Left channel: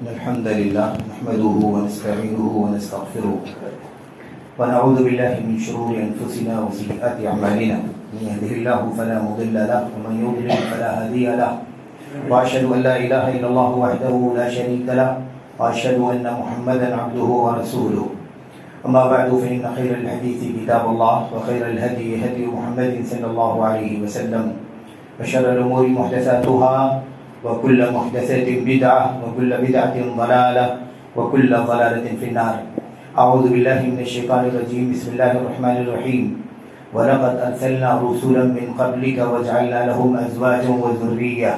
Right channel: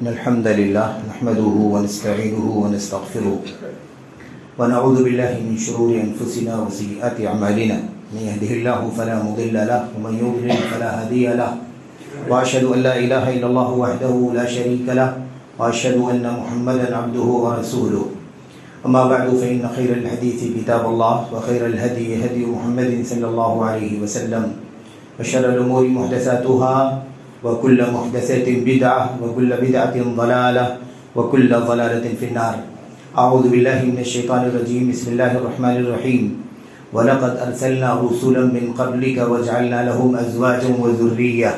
إن الحمد لله نحمده ونستعينه ونستغفره ونعوذ بالله من شرور أنفسنا وسيئات أعمالنا من يهده الله فلا مضل له ومن يضلل فلا هادي له وأشهد أن لا إله إلا الله وحده لا شريك له وأشهد أن محمدا عبده ورسوله أما بعد فإن خير الحديث كتاب الله وخير الهدي هدي محمد صلى الله عليه وسلم وشر الأمور محدثاتها وكل محدثة بدعة وكل بدعة ضلالة وكل ضلالة في النار. أعوذ بالله من الشيطان الرجيم. بسم الله الرحمن الرحيم. ولقد أرسلنا رسلا من قبلك وجعلنا لهم أزواجا وذرية.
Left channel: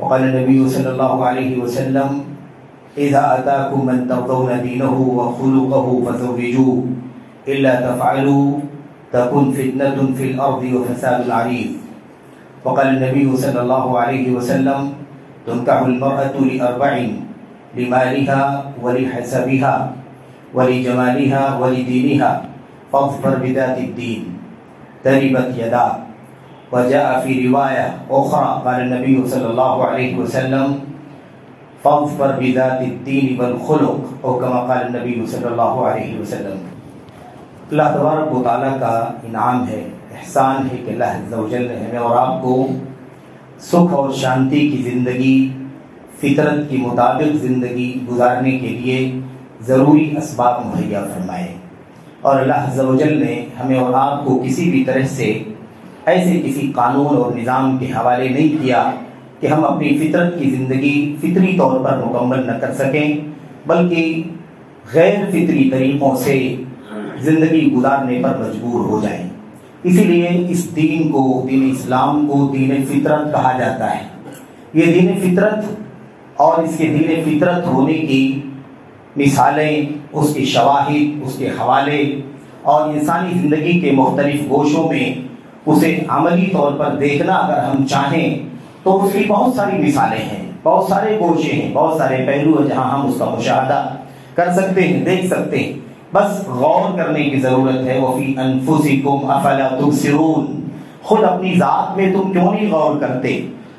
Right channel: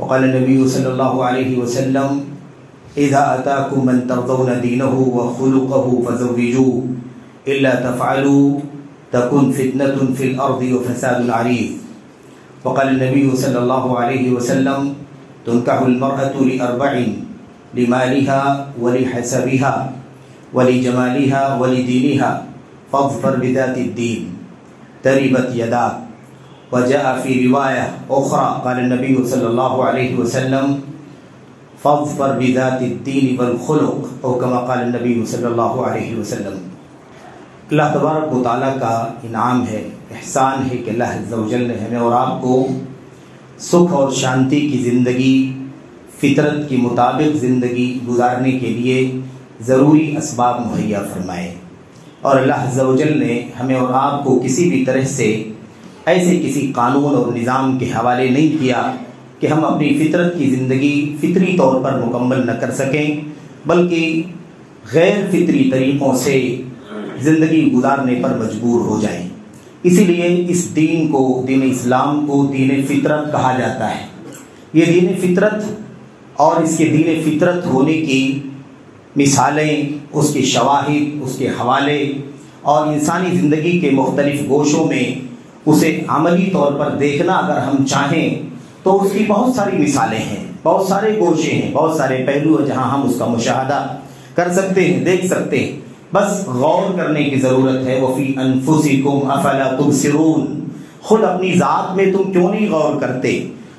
وقال النبي صلى الله عليه وسلم إذا أتاكم من ترضون دينه وخلقه فزوجوه إلا تفعلوا تكن فتنة في الأرض وفساد عريض. وقال النبي صلى الله عليه وسلم تنكح المرأة لأربع: لمالها ولحسبها ولجمالها ولدينها فاظفر بذات الدين تربت يداك. وجاء في رواية أخرى قال النبي صلى الله عليه وسلم فاظفر بذات الدين والخلق، أو كما قال النبي صلی اللہ علیہ وسلم. اللہ تبارک و تعالیٰ کا انعام ہے، احسان ہے کہ اللہ عز و جل نے ہمیں اور آپ کو سکھ اور شانتی کی زندگی، فطرت کے مطابق زندگی گزارنے کے لیے ضروری اسباب مہیا فرمائے. اور اللہ عز و جل نے ہمیں اور آپ کو کسی بھی طرح سے ایسے کسی قانون اور نظام کے حوالے نہیں کیا کہ ہم اپنی فطرت کی زندگی فطری طور پر مکمل نہ کر سکیں، بلکہ غیر فطری طریقوں سے زندگی گزارنے پر مجبور ہو جائیں. اسی لیے اس دین کو، دین اسلام کو دین فطرت کہا جاتا ہے. یہ دین فطرت اور اس کے دین فطرت ہونے کی مثالیں، اس کے شواہد، اس کے حوالے اور انسانی زندگی کے مختلف گوشوں میں اسے عملی طور پر دیکھنا اگر ہم چاہیں تو اس کی بہت ساری مثالیں ہیں، بہت سارے گوشے ہیں، بہت سارے پہلو ہیں جہاں ہم اس کا مشاہدہ کر سکتے ہیں، دیکھ سکتے ہیں. بس غور کرنے کی ضرورت ہے. وَفِي أَنفُسِكُمْ أَفَلَا تُبْصِرُونَ. خود اپنی ذات میں تم کیوں نہیں غور کرتے؟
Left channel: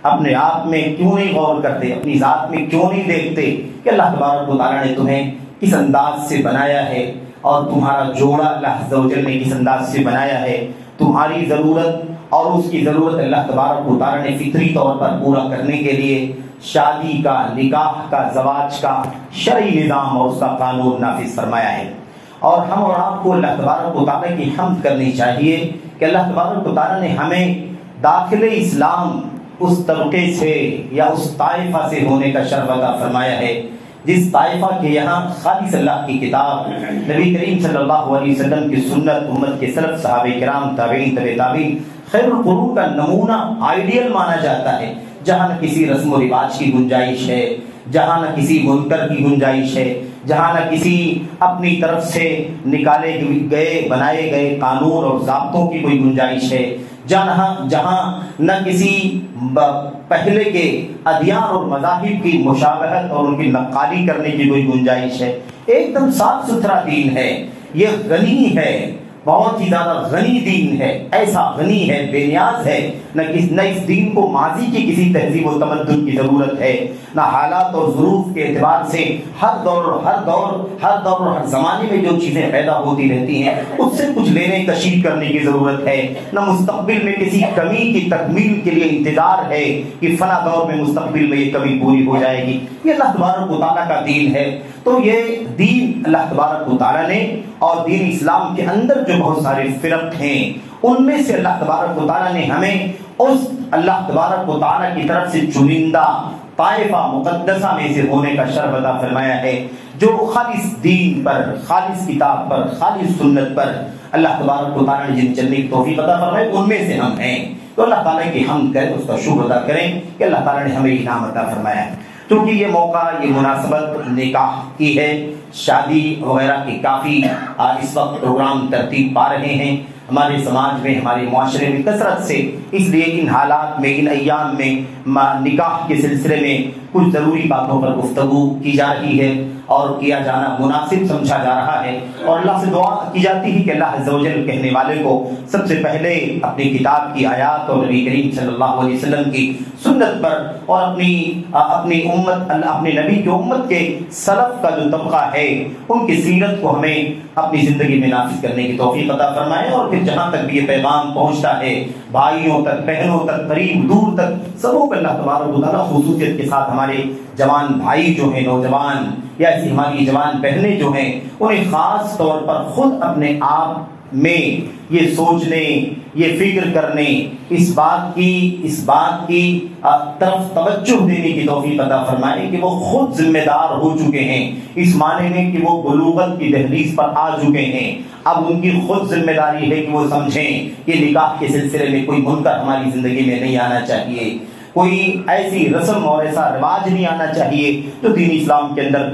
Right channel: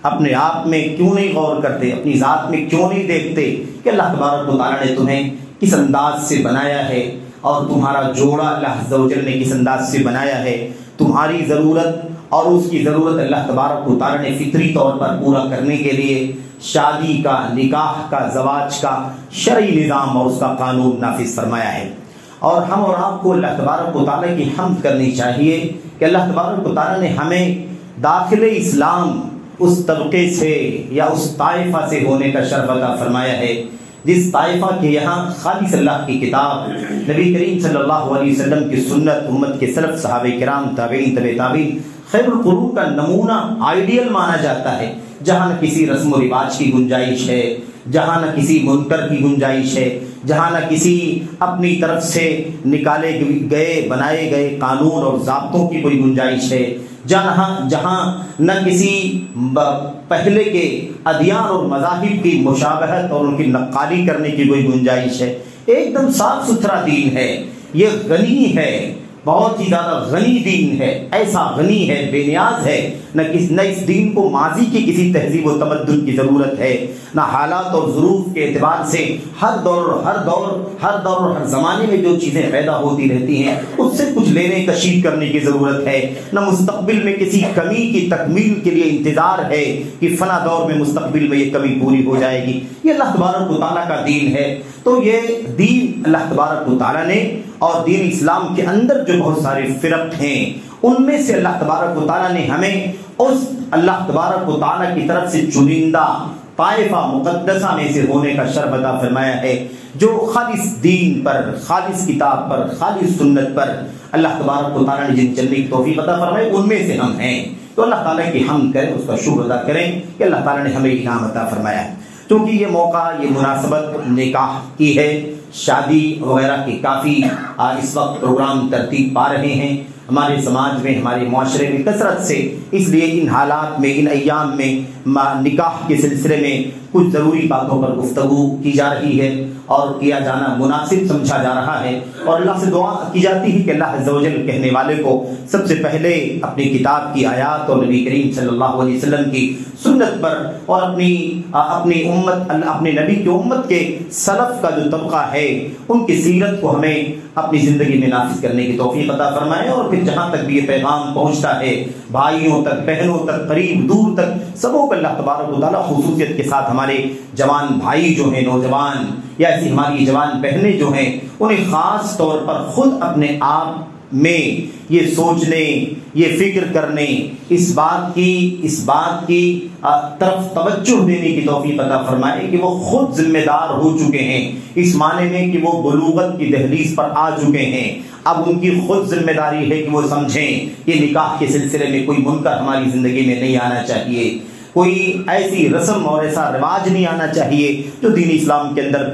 اپنے آپ میں کیوں نہیں غور کرتے؟ اپنی ذات میں کیوں نہیں دیکھتے کہ اللہ تبارک و تعالیٰ نے تمہیں کس انداز سے بنایا ہے اور تمہارا جوڑا اللہ عز و جل نے کس انداز سے بنایا ہے؟ تمہاری ضرورت اور اس کی ضرورت اللہ تبارک و تعالیٰ نے فطری طور پر پورا کرنے کے لیے شادی کا، نکاح کا، زواج کا شرعی نظام اور اس کا قانون نافذ فرمایا ہے. اور ہم اور آپ کو اللہ تبارک و تعالیٰ کی حمد کرنی چاہیے کہ اللہ تبارک و تعالیٰ نے ہمیں داخل اسلام اس طبقے سے یا اس طائفہ سے ہونے کا شرف عطا فرمایا ہے جس طائفہ کے یہاں خالص اللہ کی کتاب، نبی کریم صلی اللہ علیہ وسلم کی سنت، امت کے سلف، صحابہ کرام، تابعین، تبع تابعین، خیر القرون کا نمونہ، آئیڈیل مانا جاتا ہے، جہاں نہ کسی رسم و رواج کی گنجائش ہے، جہاں نہ کسی منکر کی گنجائش ہے، جہاں نہ کسی اپنی طرف سے نکالے گئے بنائے گئے قانون اور ضابطوں کی کوئی گنجائش ہے، جہاں نہ کسی پہلے کے ادیان اور مذاہب کی مشابہت اور ان کی نقالی کرنے کی کوئی گنجائش ہے. ایک دم صاف ستھرا دین ہے، یہ غنی ہے، بہت ہی زیادہ غنی دین ہے، ایسا غنی ہے، بے نیاز ہے. نہ اس دین کو ماضی کی کسی تہذیب و تمدن کی ضرورت ہے، نہ حالات اور ظروف کے اعتبار سے ہر دور اور ہر زمانے میں جو چیزیں پیدا ہوتی رہتی ہیں اس سے کچھ لینے کشید کرنے کی ضرورت ہے، نہ مستقبل میں کسی کمی کی تکمیل کے لیے انتظار ہے کہ فلاں دور میں مستقبل میں یہ کمی پوری ہو جائے گی. یہ اللہ تبارک و تعالیٰ کا دین ہے. تو یہ دین اللہ تبارک و تعالیٰ نے، اور دین اسلام کے اندر جو بہت سارے فرق ہیں ان میں سے اللہ تبارک و تعالیٰ نے ہمیں اس اللہ تبارک و تعالیٰ کی طرف سے چنندہ طائفہ مقدسہ میں سے ہونے کا شرف عطا فرمایا ہے، جو خالص دین پر، خالص کتاب پر، خالص سنت پر اللہ تبارک و تعالیٰ نے جن چلنے کی توفیق عطا فرمائی ان میں سے ہم ہیں. تو اللہ تعالیٰ کی حمد کریں، اس کا شکر ادا کریں کہ اللہ تعالیٰ نے ہمیں انعام عطا فرمایا. کیونکہ یہ موقع، یہ مناسبت نکاح کی ہے، شادی وغیرہ کے کافی اس وقت پروگرام ترتیب پا رہے ہیں ہمارے سماج میں، ہمارے معاشرے میں کثرت سے. اس لیے ان حالات میں، ان ایام میں نکاح کے سلسلے میں کچھ ضروری باتوں پر گفتگو کی جا رہی ہے اور کیا جانا مناسب سمجھا جا رہا ہے، اور اللہ سے دعا کی جاتی ہے کہ اللہ عز و جل کہنے والے کو سب سے پہلے اپنی کتاب کی آیات اور نبی کریم صلی اللہ علیہ وسلم کی سنت پر اور اپنی امت، اپنے نبی کی امت کے سلف کا جو طبقہ ہے ان کی سیرت کو ہمیں اپنی زندگی میں نافذ کرنے کی توفیق عطا فرمائے، اور پھر جہاں تک بھی یہ پیغام پہنچتا ہے بھائیوں تک، بہنوں تک، قریب دور تک، سبوں کو اللہ تبارک و تعالیٰ خصوصیت کے ساتھ ہمارے جوان بھائی جو ہیں، نوجوان یا ایسی ہماری جوان بہنیں جو ہیں، انہیں خاص طور پر خود اپنے آپ میں یہ سوچنے، یہ فکر کرنے، اس بات کی طرف توجہ دینے کی توفیق عطا فرمائے کہ وہ خود ذمہ دار ہو چکے ہیں، اس معنی میں کہ وہ بلوغت کی دہلیز پر آ چکے ہیں۔ اب ان کی خود ذمہ داری ہے کہ وہ سمجھیں کہ نکاح کے سلسلے میں کوئی منکر ہماری زندگی میں نہیں آنا چاہیے، کوئی ایسی رسم اور ایسا رواج نہیں آنا چاہیے جو دین اسلام کے اندر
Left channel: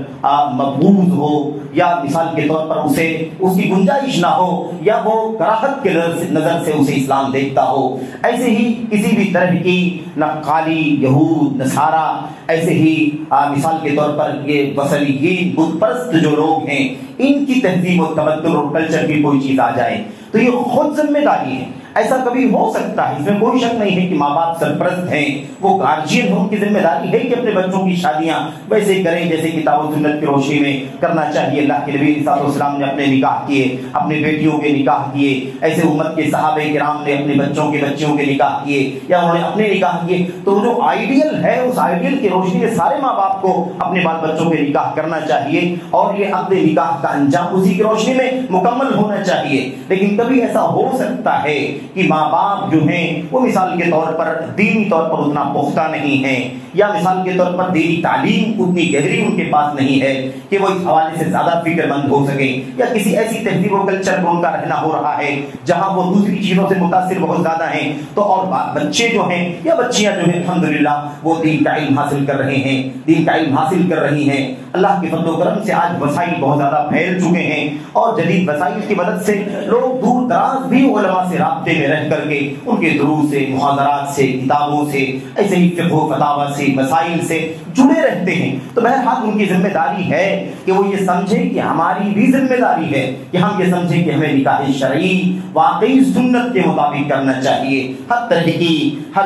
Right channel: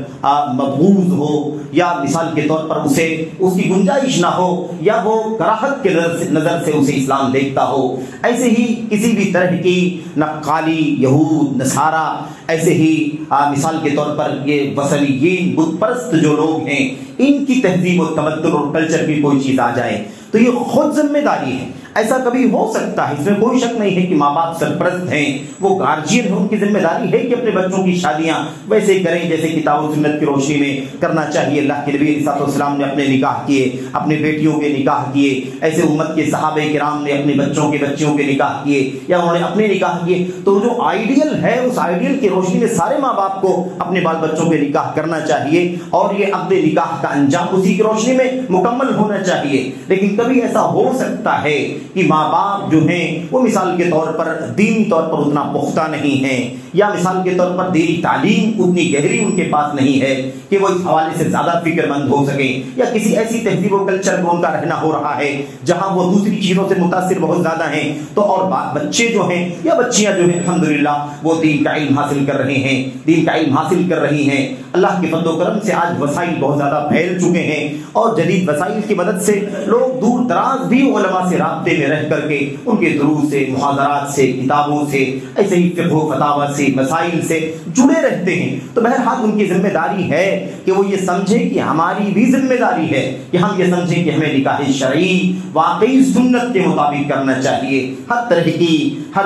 مقبول ہو، یا مثال کے طور پر اس کی گنجائش نہ ہو، یا وہ کراہت کے نظر سے اسے اسلام دیکھتا ہو۔ ایسے ہی کسی بھی طرح کی نقالی، یہود، نصارہ، ایسے ہی مثال کے طور پر یہ وثنیین، بت پرست جو لوگ ہیں، ان کی تہذیب و تمدن اور کلچر کی کوئی چیز آ جائے تو یہ خود ذمہ داری ہے۔ ایسا کبھی ہو سکتا ہے، اس میں کوئی شک نہیں ہے کہ ماں باپ سرپرست ہیں، وہ گارجین ہیں، ان کی ذمہ داری ہے کہ اپنے بچوں کی شادیاں ویسے کریں جیسے کتاب و سنت کی روشنی میں کرنا چاہیے۔ اللہ کے نبی صلی اللہ علیہ وسلم نے اپنے نکاح کیے، اپنے بیٹیوں کے نکاح کیے، ایسے امت کے صحابہ کرام نے اپنے بچوں کے نکاح کیے، یا انہوں نے اپنے نکاح کیے۔ تو جو آئیڈیل ہے اس آئیڈیل کی روشنی میں سارے ماں باپ کو اپنے بال بچوں کے نکاح کرنا چاہیے، اور یہ عقد نکاح کا انجام اسی کی روشنی میں مکمل ہونا چاہیے۔ لیکن کبھی ایسا ہو سکتا ہے کہ ماں باپ جو ہیں وہ مثال کے طور پر دینی طور پر اتنا پختہ نہیں ہے، یا مثال کے طور پر دینی تعلیم اتنی گہری ان کے پاس نہیں ہے کہ وہ اس حوالے سے زیادہ فکر مند ہو سکیں، یا کسی ایسی تہذیب و کلچر میں ان کا رہنا ہو رہا ہے جہاں وہ دوسری چیزوں سے متاثر بہت زیادہ ہیں، تو اور بچے جو ہیں یا بچیاں جو ہیں الحمدللہ وہ دین کا علم حاصل کر رہی ہیں۔ اللہ کے فضل و کرم سے آج وسائل بہت زیادہ پھیل چکے ہیں، اور جدید وسائل کی مدد سے لوگ دور دراز بھی علماء سے رابطے میں رہ کر کے ان کے دروس سے، محاضرات سے، کتابوں سے، ایسے ہی فقہ و فتاوی سے، مسائل سے جڑے رہتے ہیں۔ تو بہرحال ان کی ذمہ داری ہے کہ وہ یہ سمجھیں کہ ہماری بھی ذمہ داری ہے کہ ہم یہ سمجھیں کہ ہمیں نکاح شرعی واقعی سنت کے مطابق کرنا چاہیے، ہر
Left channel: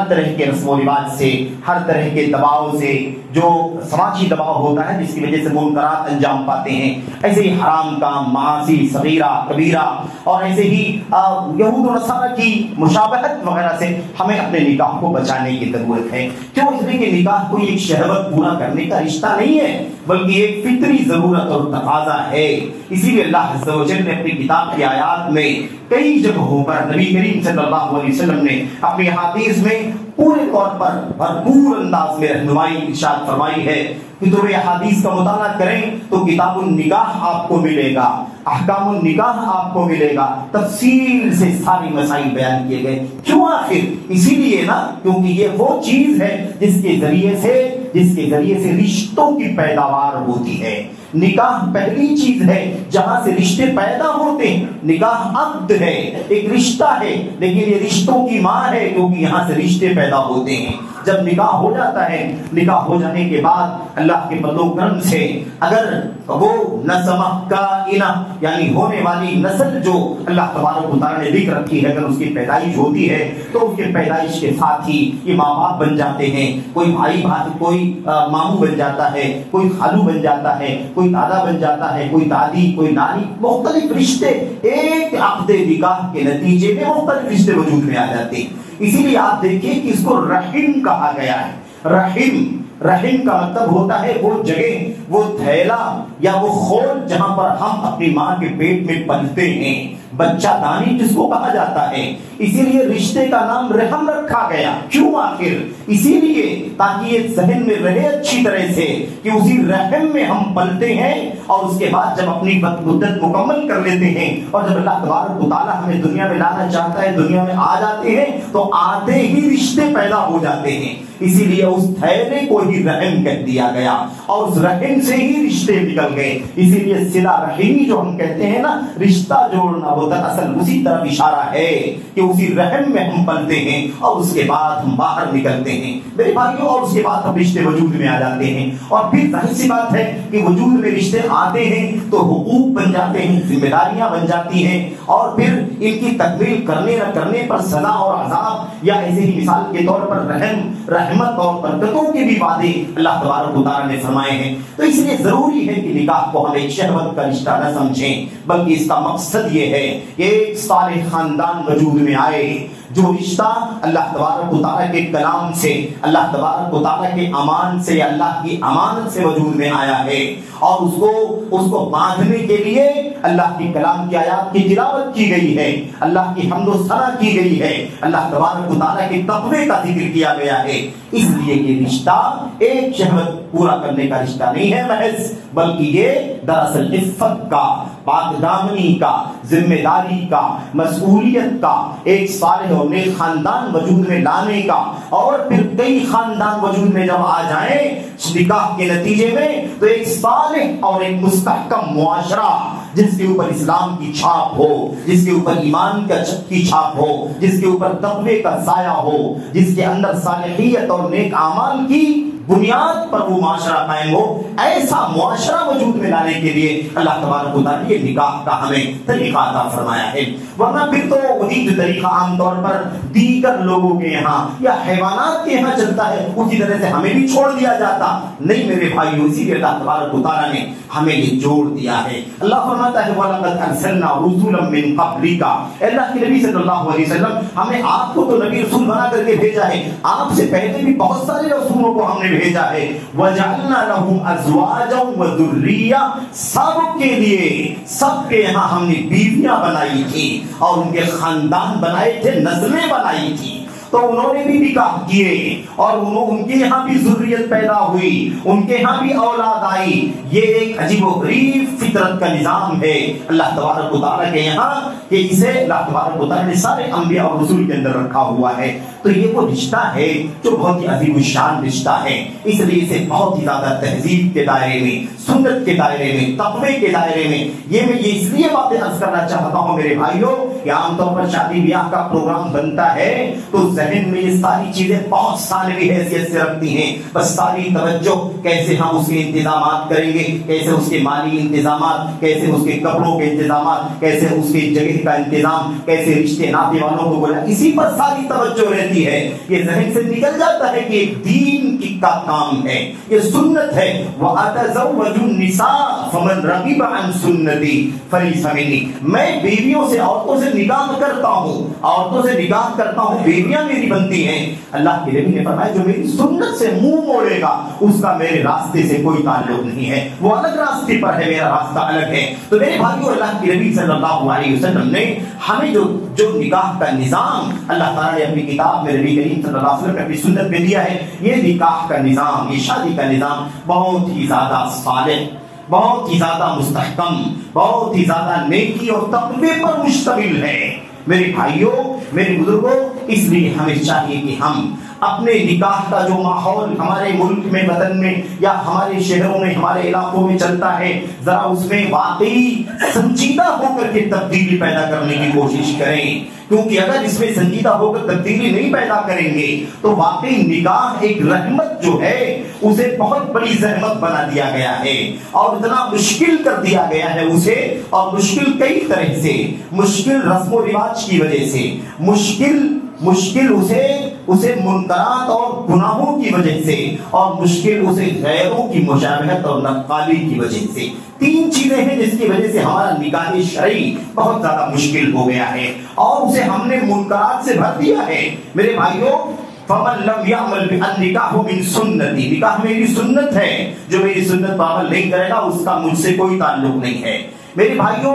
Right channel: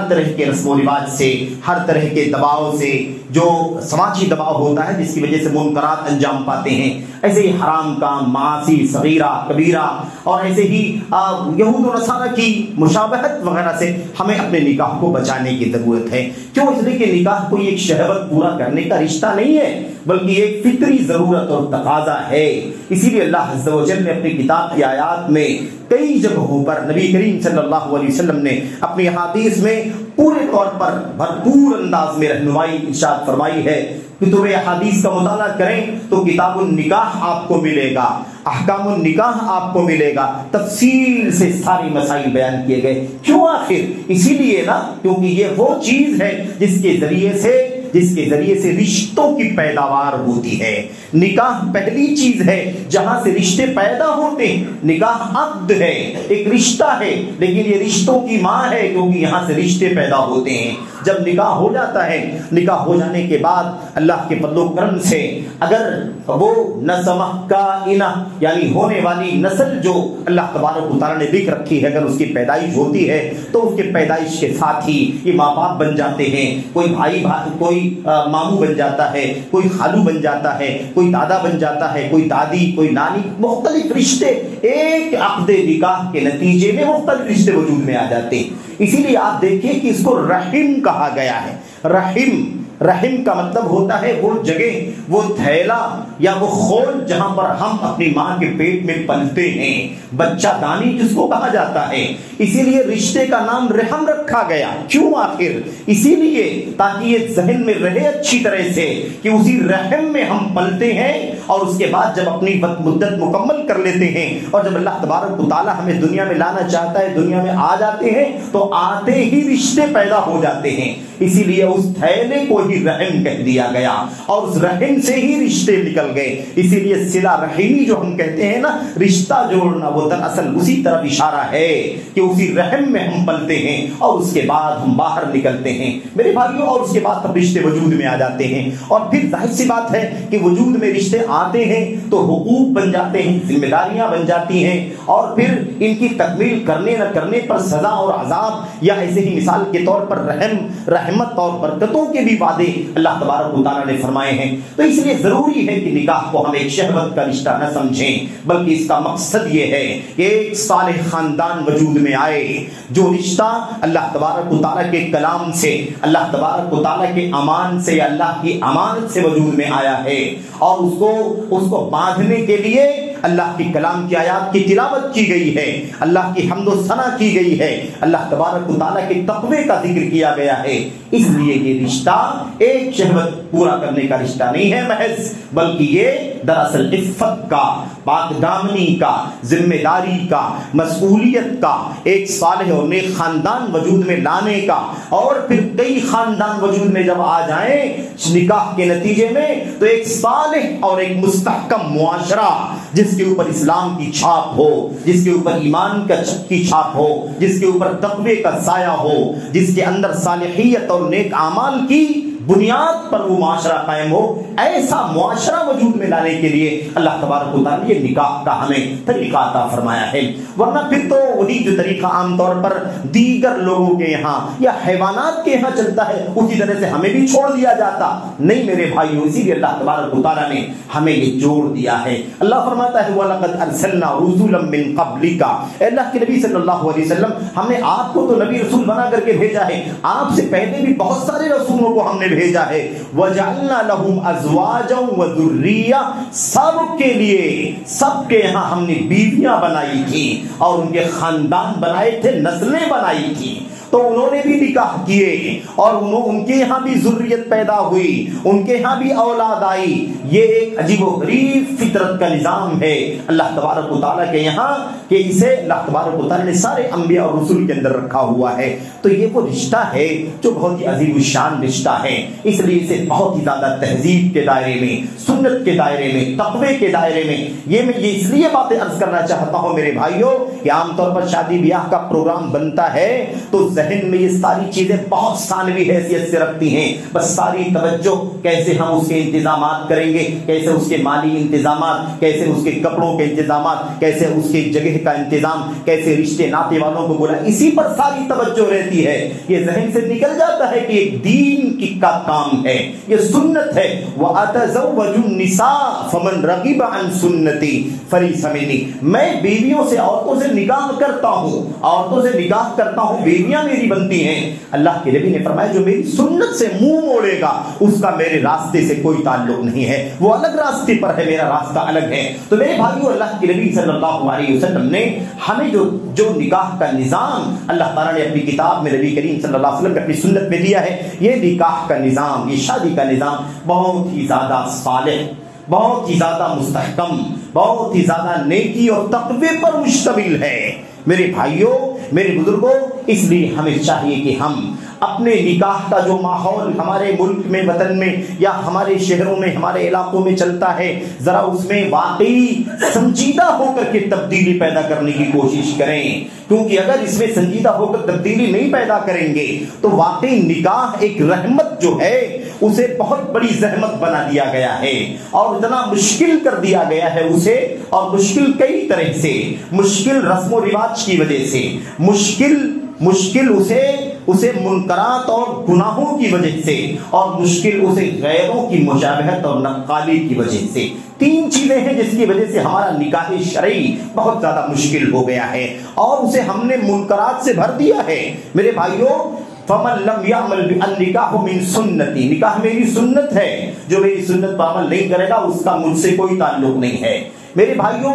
طرح کے رسم و رواج سے، ہر طرح کے دباؤ سے، جو سماجی دباؤ ہوتا ہے جس کی وجہ سے منکرات انجام پاتے ہیں، ایسے ہی حرام کام، معاصی صغیرہ کبیرہ، اور ایسے ہی یہود و نصارہ کی مشابہت وغیرہ سے ہمیں اپنے نکاح کو بچانے کی ضرورت ہے۔ کیوں؟ اس لیے کہ نکاح کوئی ایک شہوت پورا کرنے کا رشتہ نہیں ہے، بلکہ ایک فطری ضرورت اور تقاضا ہے۔ اسی لیے اللہ عز و جل نے اپنی کتاب کی آیات میں کئی جگہوں پر نبی کریم صلی اللہ علیہ وسلم نے اپنی احادیث میں پورے طور پر بھرپور انداز میں رہنمائی ارشاد فرمائی ہے۔ کتب احادیث کا مطالعہ کریں تو کتاب النکاح آپ کو ملے گا، احکام النکاح آپ کو ملے گا، تفصیل سے ساری مسائل بیان کیے گئے۔ کیوں؟ آخر اسی لیے نا، کیونکہ یہ وہ چیز ہے جس کے ذریعے سے رشتوں کی پیداوار ہوتی ہے۔ نکاح پہلی چیز ہے جہاں سے رشتے پیدا ہوتے ہیں۔ نکاح عقد ہے، ایک رشتہ ہے، لیکن یہ رشتوں کی ماں ہے کیونکہ یہاں سے رشتے پیدا ہوتے ہیں۔ جب نکاح ہو جاتا ہے، نکاح ہو جانے کے بعد اللہ کے فضل و کرم سے اگر وہ نسمہ کائنہ یعنی ہونے والی نسل جو اللہ تبارک و تعالیٰ نے لکھ رکھی ہے، اگر اس کی پیدائش ہوتی ہے تو اس کے پیدائش کے ساتھ ہی یہ ماں باپ بن جاتے ہیں، کوئی بھائی کوئی ماموں بن جاتا ہے، کوئی خالو بن جاتا ہے، کوئی دادا بن جاتا ہے، کوئی دادی، کوئی نانی، مختلف رشتے ایک عقد نکاح کے نتیجے میں مختلف رشتے وجود میں آ جاتے ہیں۔ اسی لیے آپ دیکھیے کہ اس کو رحم کہا گیا ہے۔ رحم کا مطلب ہوتا ہے وہ جگہ، وہ تھیلا یا وہ خول جہاں پر ہم اپنی ماں کے پیٹ میں پلتے ہیں، بچہ دانی جس کو کہا جاتا ہے۔ اسی لیے رشتے کا نام رحم رکھا گیا۔ کیوں؟ آخر اسی لیے تاکہ یہ ذہن میں رہے اچھی طرح سے کہ اسی رحم میں ہم پلتے ہیں، اور اس کے بعد جب اپنی مدت مکمل کر لیتے ہیں اور جب اللہ تبارک و تعالیٰ ہمیں دنیا میں لانا چاہتا ہے، دنیا میں آ جاتے ہیں تو آتے ہی رشتے پیدا ہو جاتے ہیں۔ اسی لیے اس تھیلے کو ہی رحم کہہ دیا گیا اور اس رحم سے ہی رشتے نکل گئے. اسی لیے صلہ رحمی جو ہم کہتے ہیں نا، رشتہ جوڑنا، وہ دراصل اسی طرف اشارہ ہے کہ اسی رحم میں ہم پلتے ہیں اور اس کے بعد ہم باہر نکلتے ہیں میرے بھائیوں، اور اس کے بعد ہم رشتے وجود میں آ جاتے ہیں. اور پھر ظاہر سی بات ہے کہ وجود میں رشتے آتے ہیں تو حقوق بن جاتے ہیں، ذمہ داریاں بن جاتی ہیں، اور پھر ان کی تکمیل کرنے نہ کرنے پر سزا اور عذاب، یا ایسے ہی مثال کے طور پر رحم، رحمت اور برکتوں کے بھی وعدے اللہ تبارک و تعالیٰ نے فرمائے ہیں. تو اس لیے ضروری ہے کہ نکاح کو ہم ایک شہوت کا رشتہ نہ سمجھیں، بلکہ اس کا مقصد یہ ہے کہ ایک صالح خاندان وجود میں آئے، جو رشتہ اللہ تبارک و تعالیٰ کے کلام سے، اللہ تبارک و تعالیٰ کے امان سے، اللہ کی امانت سے وجود میں آیا ہے، اور اس کو باندھنے کے لیے اللہ کی کلام کی آیات کی تلاوت کی گئی ہے، اللہ کی حمد و ثنا کی گئی ہے، اللہ تبارک و تعالیٰ کے تقوی کا ذکر کیا گیا ہے. اس لیے یہ رشتہ ایک شہوت پورا کرنے کا رشتہ نہیں ہے محض، بلکہ یہ دراصل عفت کا، پاک دامنی کا، ذمہ داری کا، مسئولیت کا، ایک صالح اور نیک خاندان وجود میں لانے کا، اور پھر کئی خاندان وجود میں جب آ جائیں نکاح کے نتیجے میں، تو ایک صالح اور ایک مستحکم معاشرہ جس کے اوپر اسلام کی چھاپ ہو، جس کے اوپر ایمان کی چھاپ ہو، جس کے اوپر تقوی کا سایہ ہو، جس کے اندر صالحیت اور نیک اعمال کی بنیاد پر وہ معاشرہ قائم ہو، ایسا معاشرہ وجود میں لانے کے لیے اللہ تبارک و تعالیٰ نے نکاح کا ہمیں طریقہ عطا فرمایا ہے. ورنہ پھر تو وہی جو طریقہ عام طور پر دیگر لوگوں کے یہاں یا حیوانات کے یہاں چلتا ہے، اسی طرح سے ہمیں بھی چھوڑ دیا جاتا. نہیں میرے بھائیو، اسی لیے اللہ تبارک و تعالیٰ نے ہمیں یہ جوڑ دیا ہے. اللہ فرماتا ہے وَلَقَدْ أَرْسَلْنَا رُسُلًا مِّن قَبْلِكَ، اللہ کے نبی صلی اللہ علیہ وسلم، ہم نے آپ کو تو نبی رسول بنا کر کے بھیجا ہے، آپ سے پہلے بھی بہت سارے رسولوں کو ہم نے بھیجا ہے. وَجَعَلْنَا لَهُمْ أَزْوَاجًا وَذُرِّيَّةً، سب کے لیے، سب کے یہاں ہم نے بیویاں بنائی تھی اور ان کے خاندان بنائے تھے، نسلیں بنائی تھی. تو انہوں نے بھی نکاح کیے اور ان کے یہاں بھی ذریت پیدا ہوئی، ان کے یہاں بھی اولاد آئی. یہ ایک عجیب و غریب فطرت کا نظام ہے اللہ تبارک و تعالیٰ کے یہاں، کہ اسے اللہ تبارک و تعالیٰ نے سارے انبیاء اور رسول کے اندر رکھا ہوا ہے. تو یہ وہ رشتہ ہے جو بہت ہی عظیم الشان رشتہ ہے. اس لیے اسے بہت ہی زیادہ تہذیب کے دائرے میں، سنت کے دائرے میں، تقوی کے دائرے میں، یہ میں اس لیے باتیں عرض کرنا چاہتا ہوں میرے بھائیوں کہ عام طور پر شادی بیاہ کا پروگرام بنتا ہے تو ذہن میں یہ ساری چیزیں بہت ثانوی حیثیت سے رکھتی ہیں. بس ساری توجہ کیسے ہم اس کے انتظامات کریں گے، کیسے اس کے مالی انتظامات، کیسے اس کے کپڑوں کے انتظامات، کیسے اس کی جگہ کا انتظام، کیسے رشتے ناطے والوں کو بلا، اسی پر ساری توجہ رہتی ہے. یہ ذہن سے نکل جاتا ہے کہ ایک دین کی کا کام ہے، یہ سنت ہے. وَأَتَزَوَّجُ النِّسَاءَ فَمَنْ رَغِبَ عَنْ سُنَّتِي فَلَيْسَ مِنِّي، میں بیویوں سے، عورتوں سے نکاح کرتا ہوں، عورتوں سے نکاح کرتا ہوں، بیویاں میری بنتی ہیں. اللہ کے نبی نے فرمایا جو میری سنت سے منہ موڑے گا اس کا میرے راستے سے کوئی تعلق نہیں ہے، وہ الگ راستے پر ہے، میرا راستہ الگ ہے. تو میرے بھائیو، اللہ کے نبی صلی اللہ علیہ وسلم نے ہمیں جو نکاح کا نظام اللہ تعالیٰ نے اپنی کتاب میں، نبی کریم صلی اللہ علیہ وسلم نے اپنی سنت میں دیا ہے، یہ نکاح کا نظام، یہ شادی کا نظام بہت ہی زیادہ صالح، بہت ہی زیادہ مستحکم، بہت ہی زیادہ نیکی اور تقوی پر مشتمل ہے. میرے بھائیوں، میرے بزرگوں، اس لیے ہمیں چاہیے کہ ہم اپنے نکاح کا جو ماحول ہمارے ملک میں، وطن میں، یا ہمارے شہروں میں، ہمارے علاقوں میں چلتا ہے، ذرا اس میں واقعی سنجیدہ ہو کر کے تبدیلی پیدا کرنے کی کوشش کریں. کیونکہ اگر اس میں سنجیدہ ہو کر تبدیلی نہیں پیدا کریں گے تو واقعی نکاح ایک رحمت جو ہے اسے بہت بڑی زحمت بنا دیا گیا ہے اور اتنا مشکل کر دیا گیا ہے اسے. اور مشکل کئی طرح سے، مشکل رسم و رواج کی وجہ سے، مشکل اسے منکرات اور گناہوں کی وجہ سے، اور مشکل اسے غیروں کی مشابہت اور نقالی کی وجہ سے. تین چیزیں ہیں جس کی وجہ سے ہمارا نکاح شرعی بہت زیادہ مشکل ہو گیا ہے اور اسے ہم نے منکرات سے بھر دیا ہے. میرے بھائیوں، فَمَن لَمْ يَعْمَلْ بِالنِّكَاحُ مِن سُنَّتِي، نکاح میری سنت ہے، جو میری سنت پر عمل نہیں کرے گا اس کا مجھ سے کوئی تعلق نہیں ہے. میرے بھائیوں،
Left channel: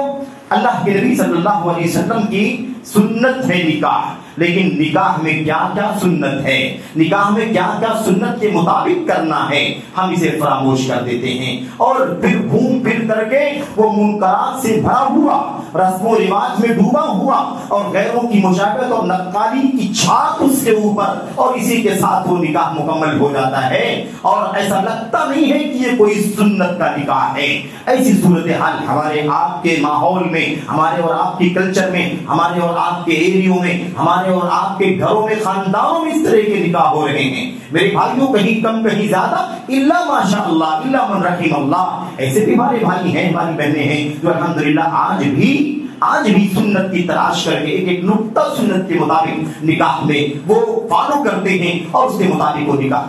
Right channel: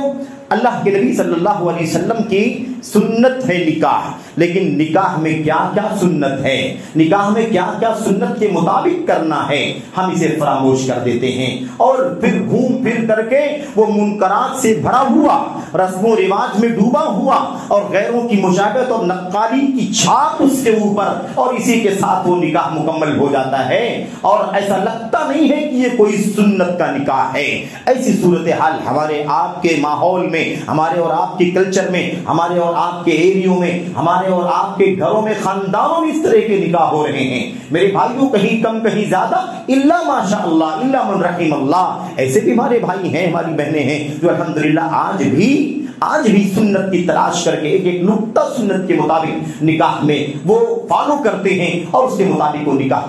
اللہ کے نبی صلی اللہ علیہ وسلم کی سنت ہے نکاح، لیکن نکاح میں کیا کیا سنت ہے، نکاح میں کیا کیا سنت کے مطابق کرنا ہے، ہم اسے فراموش کر دیتے ہیں اور پھر گھوم پھر کر کے وہ منکرات سے بھرا ہوا، رسم و رواج میں ڈوبا ہوا اور غیروں کی مشابہت اور نقالی کی چھاپ اس کے اوپر، اور اسی کے ساتھ وہ نکاح مکمل ہو جاتا ہے اور ایسا لگتا نہیں ہے کہ یہ کوئی سنت کا نکاح ہے۔ ایسی صورتحال ہمارے آپ کے ماحول میں، ہمارے اور آپ کے کلچر میں، ہمارے اور آپ کے ایریوں میں، ہمارے اور آپ کے گھروں میں، خاندانوں میں اس طرح کے نکاح ہو رہے ہیں میرے بھائیوں، کہیں کم کہیں زیادہ، الا ماشاء اللہ، الا من رحم اللہ۔ ایسے بھی ہمارے بھائی ہیں، ہماری بہنیں ہیں جو الحمدللہ آج بھی سنت کی تلاش کر کے ایک نقطہ سنت کے مطابق نکاح میں وہ فالو کرتے ہیں اور اس کے مطابق وہ نکاح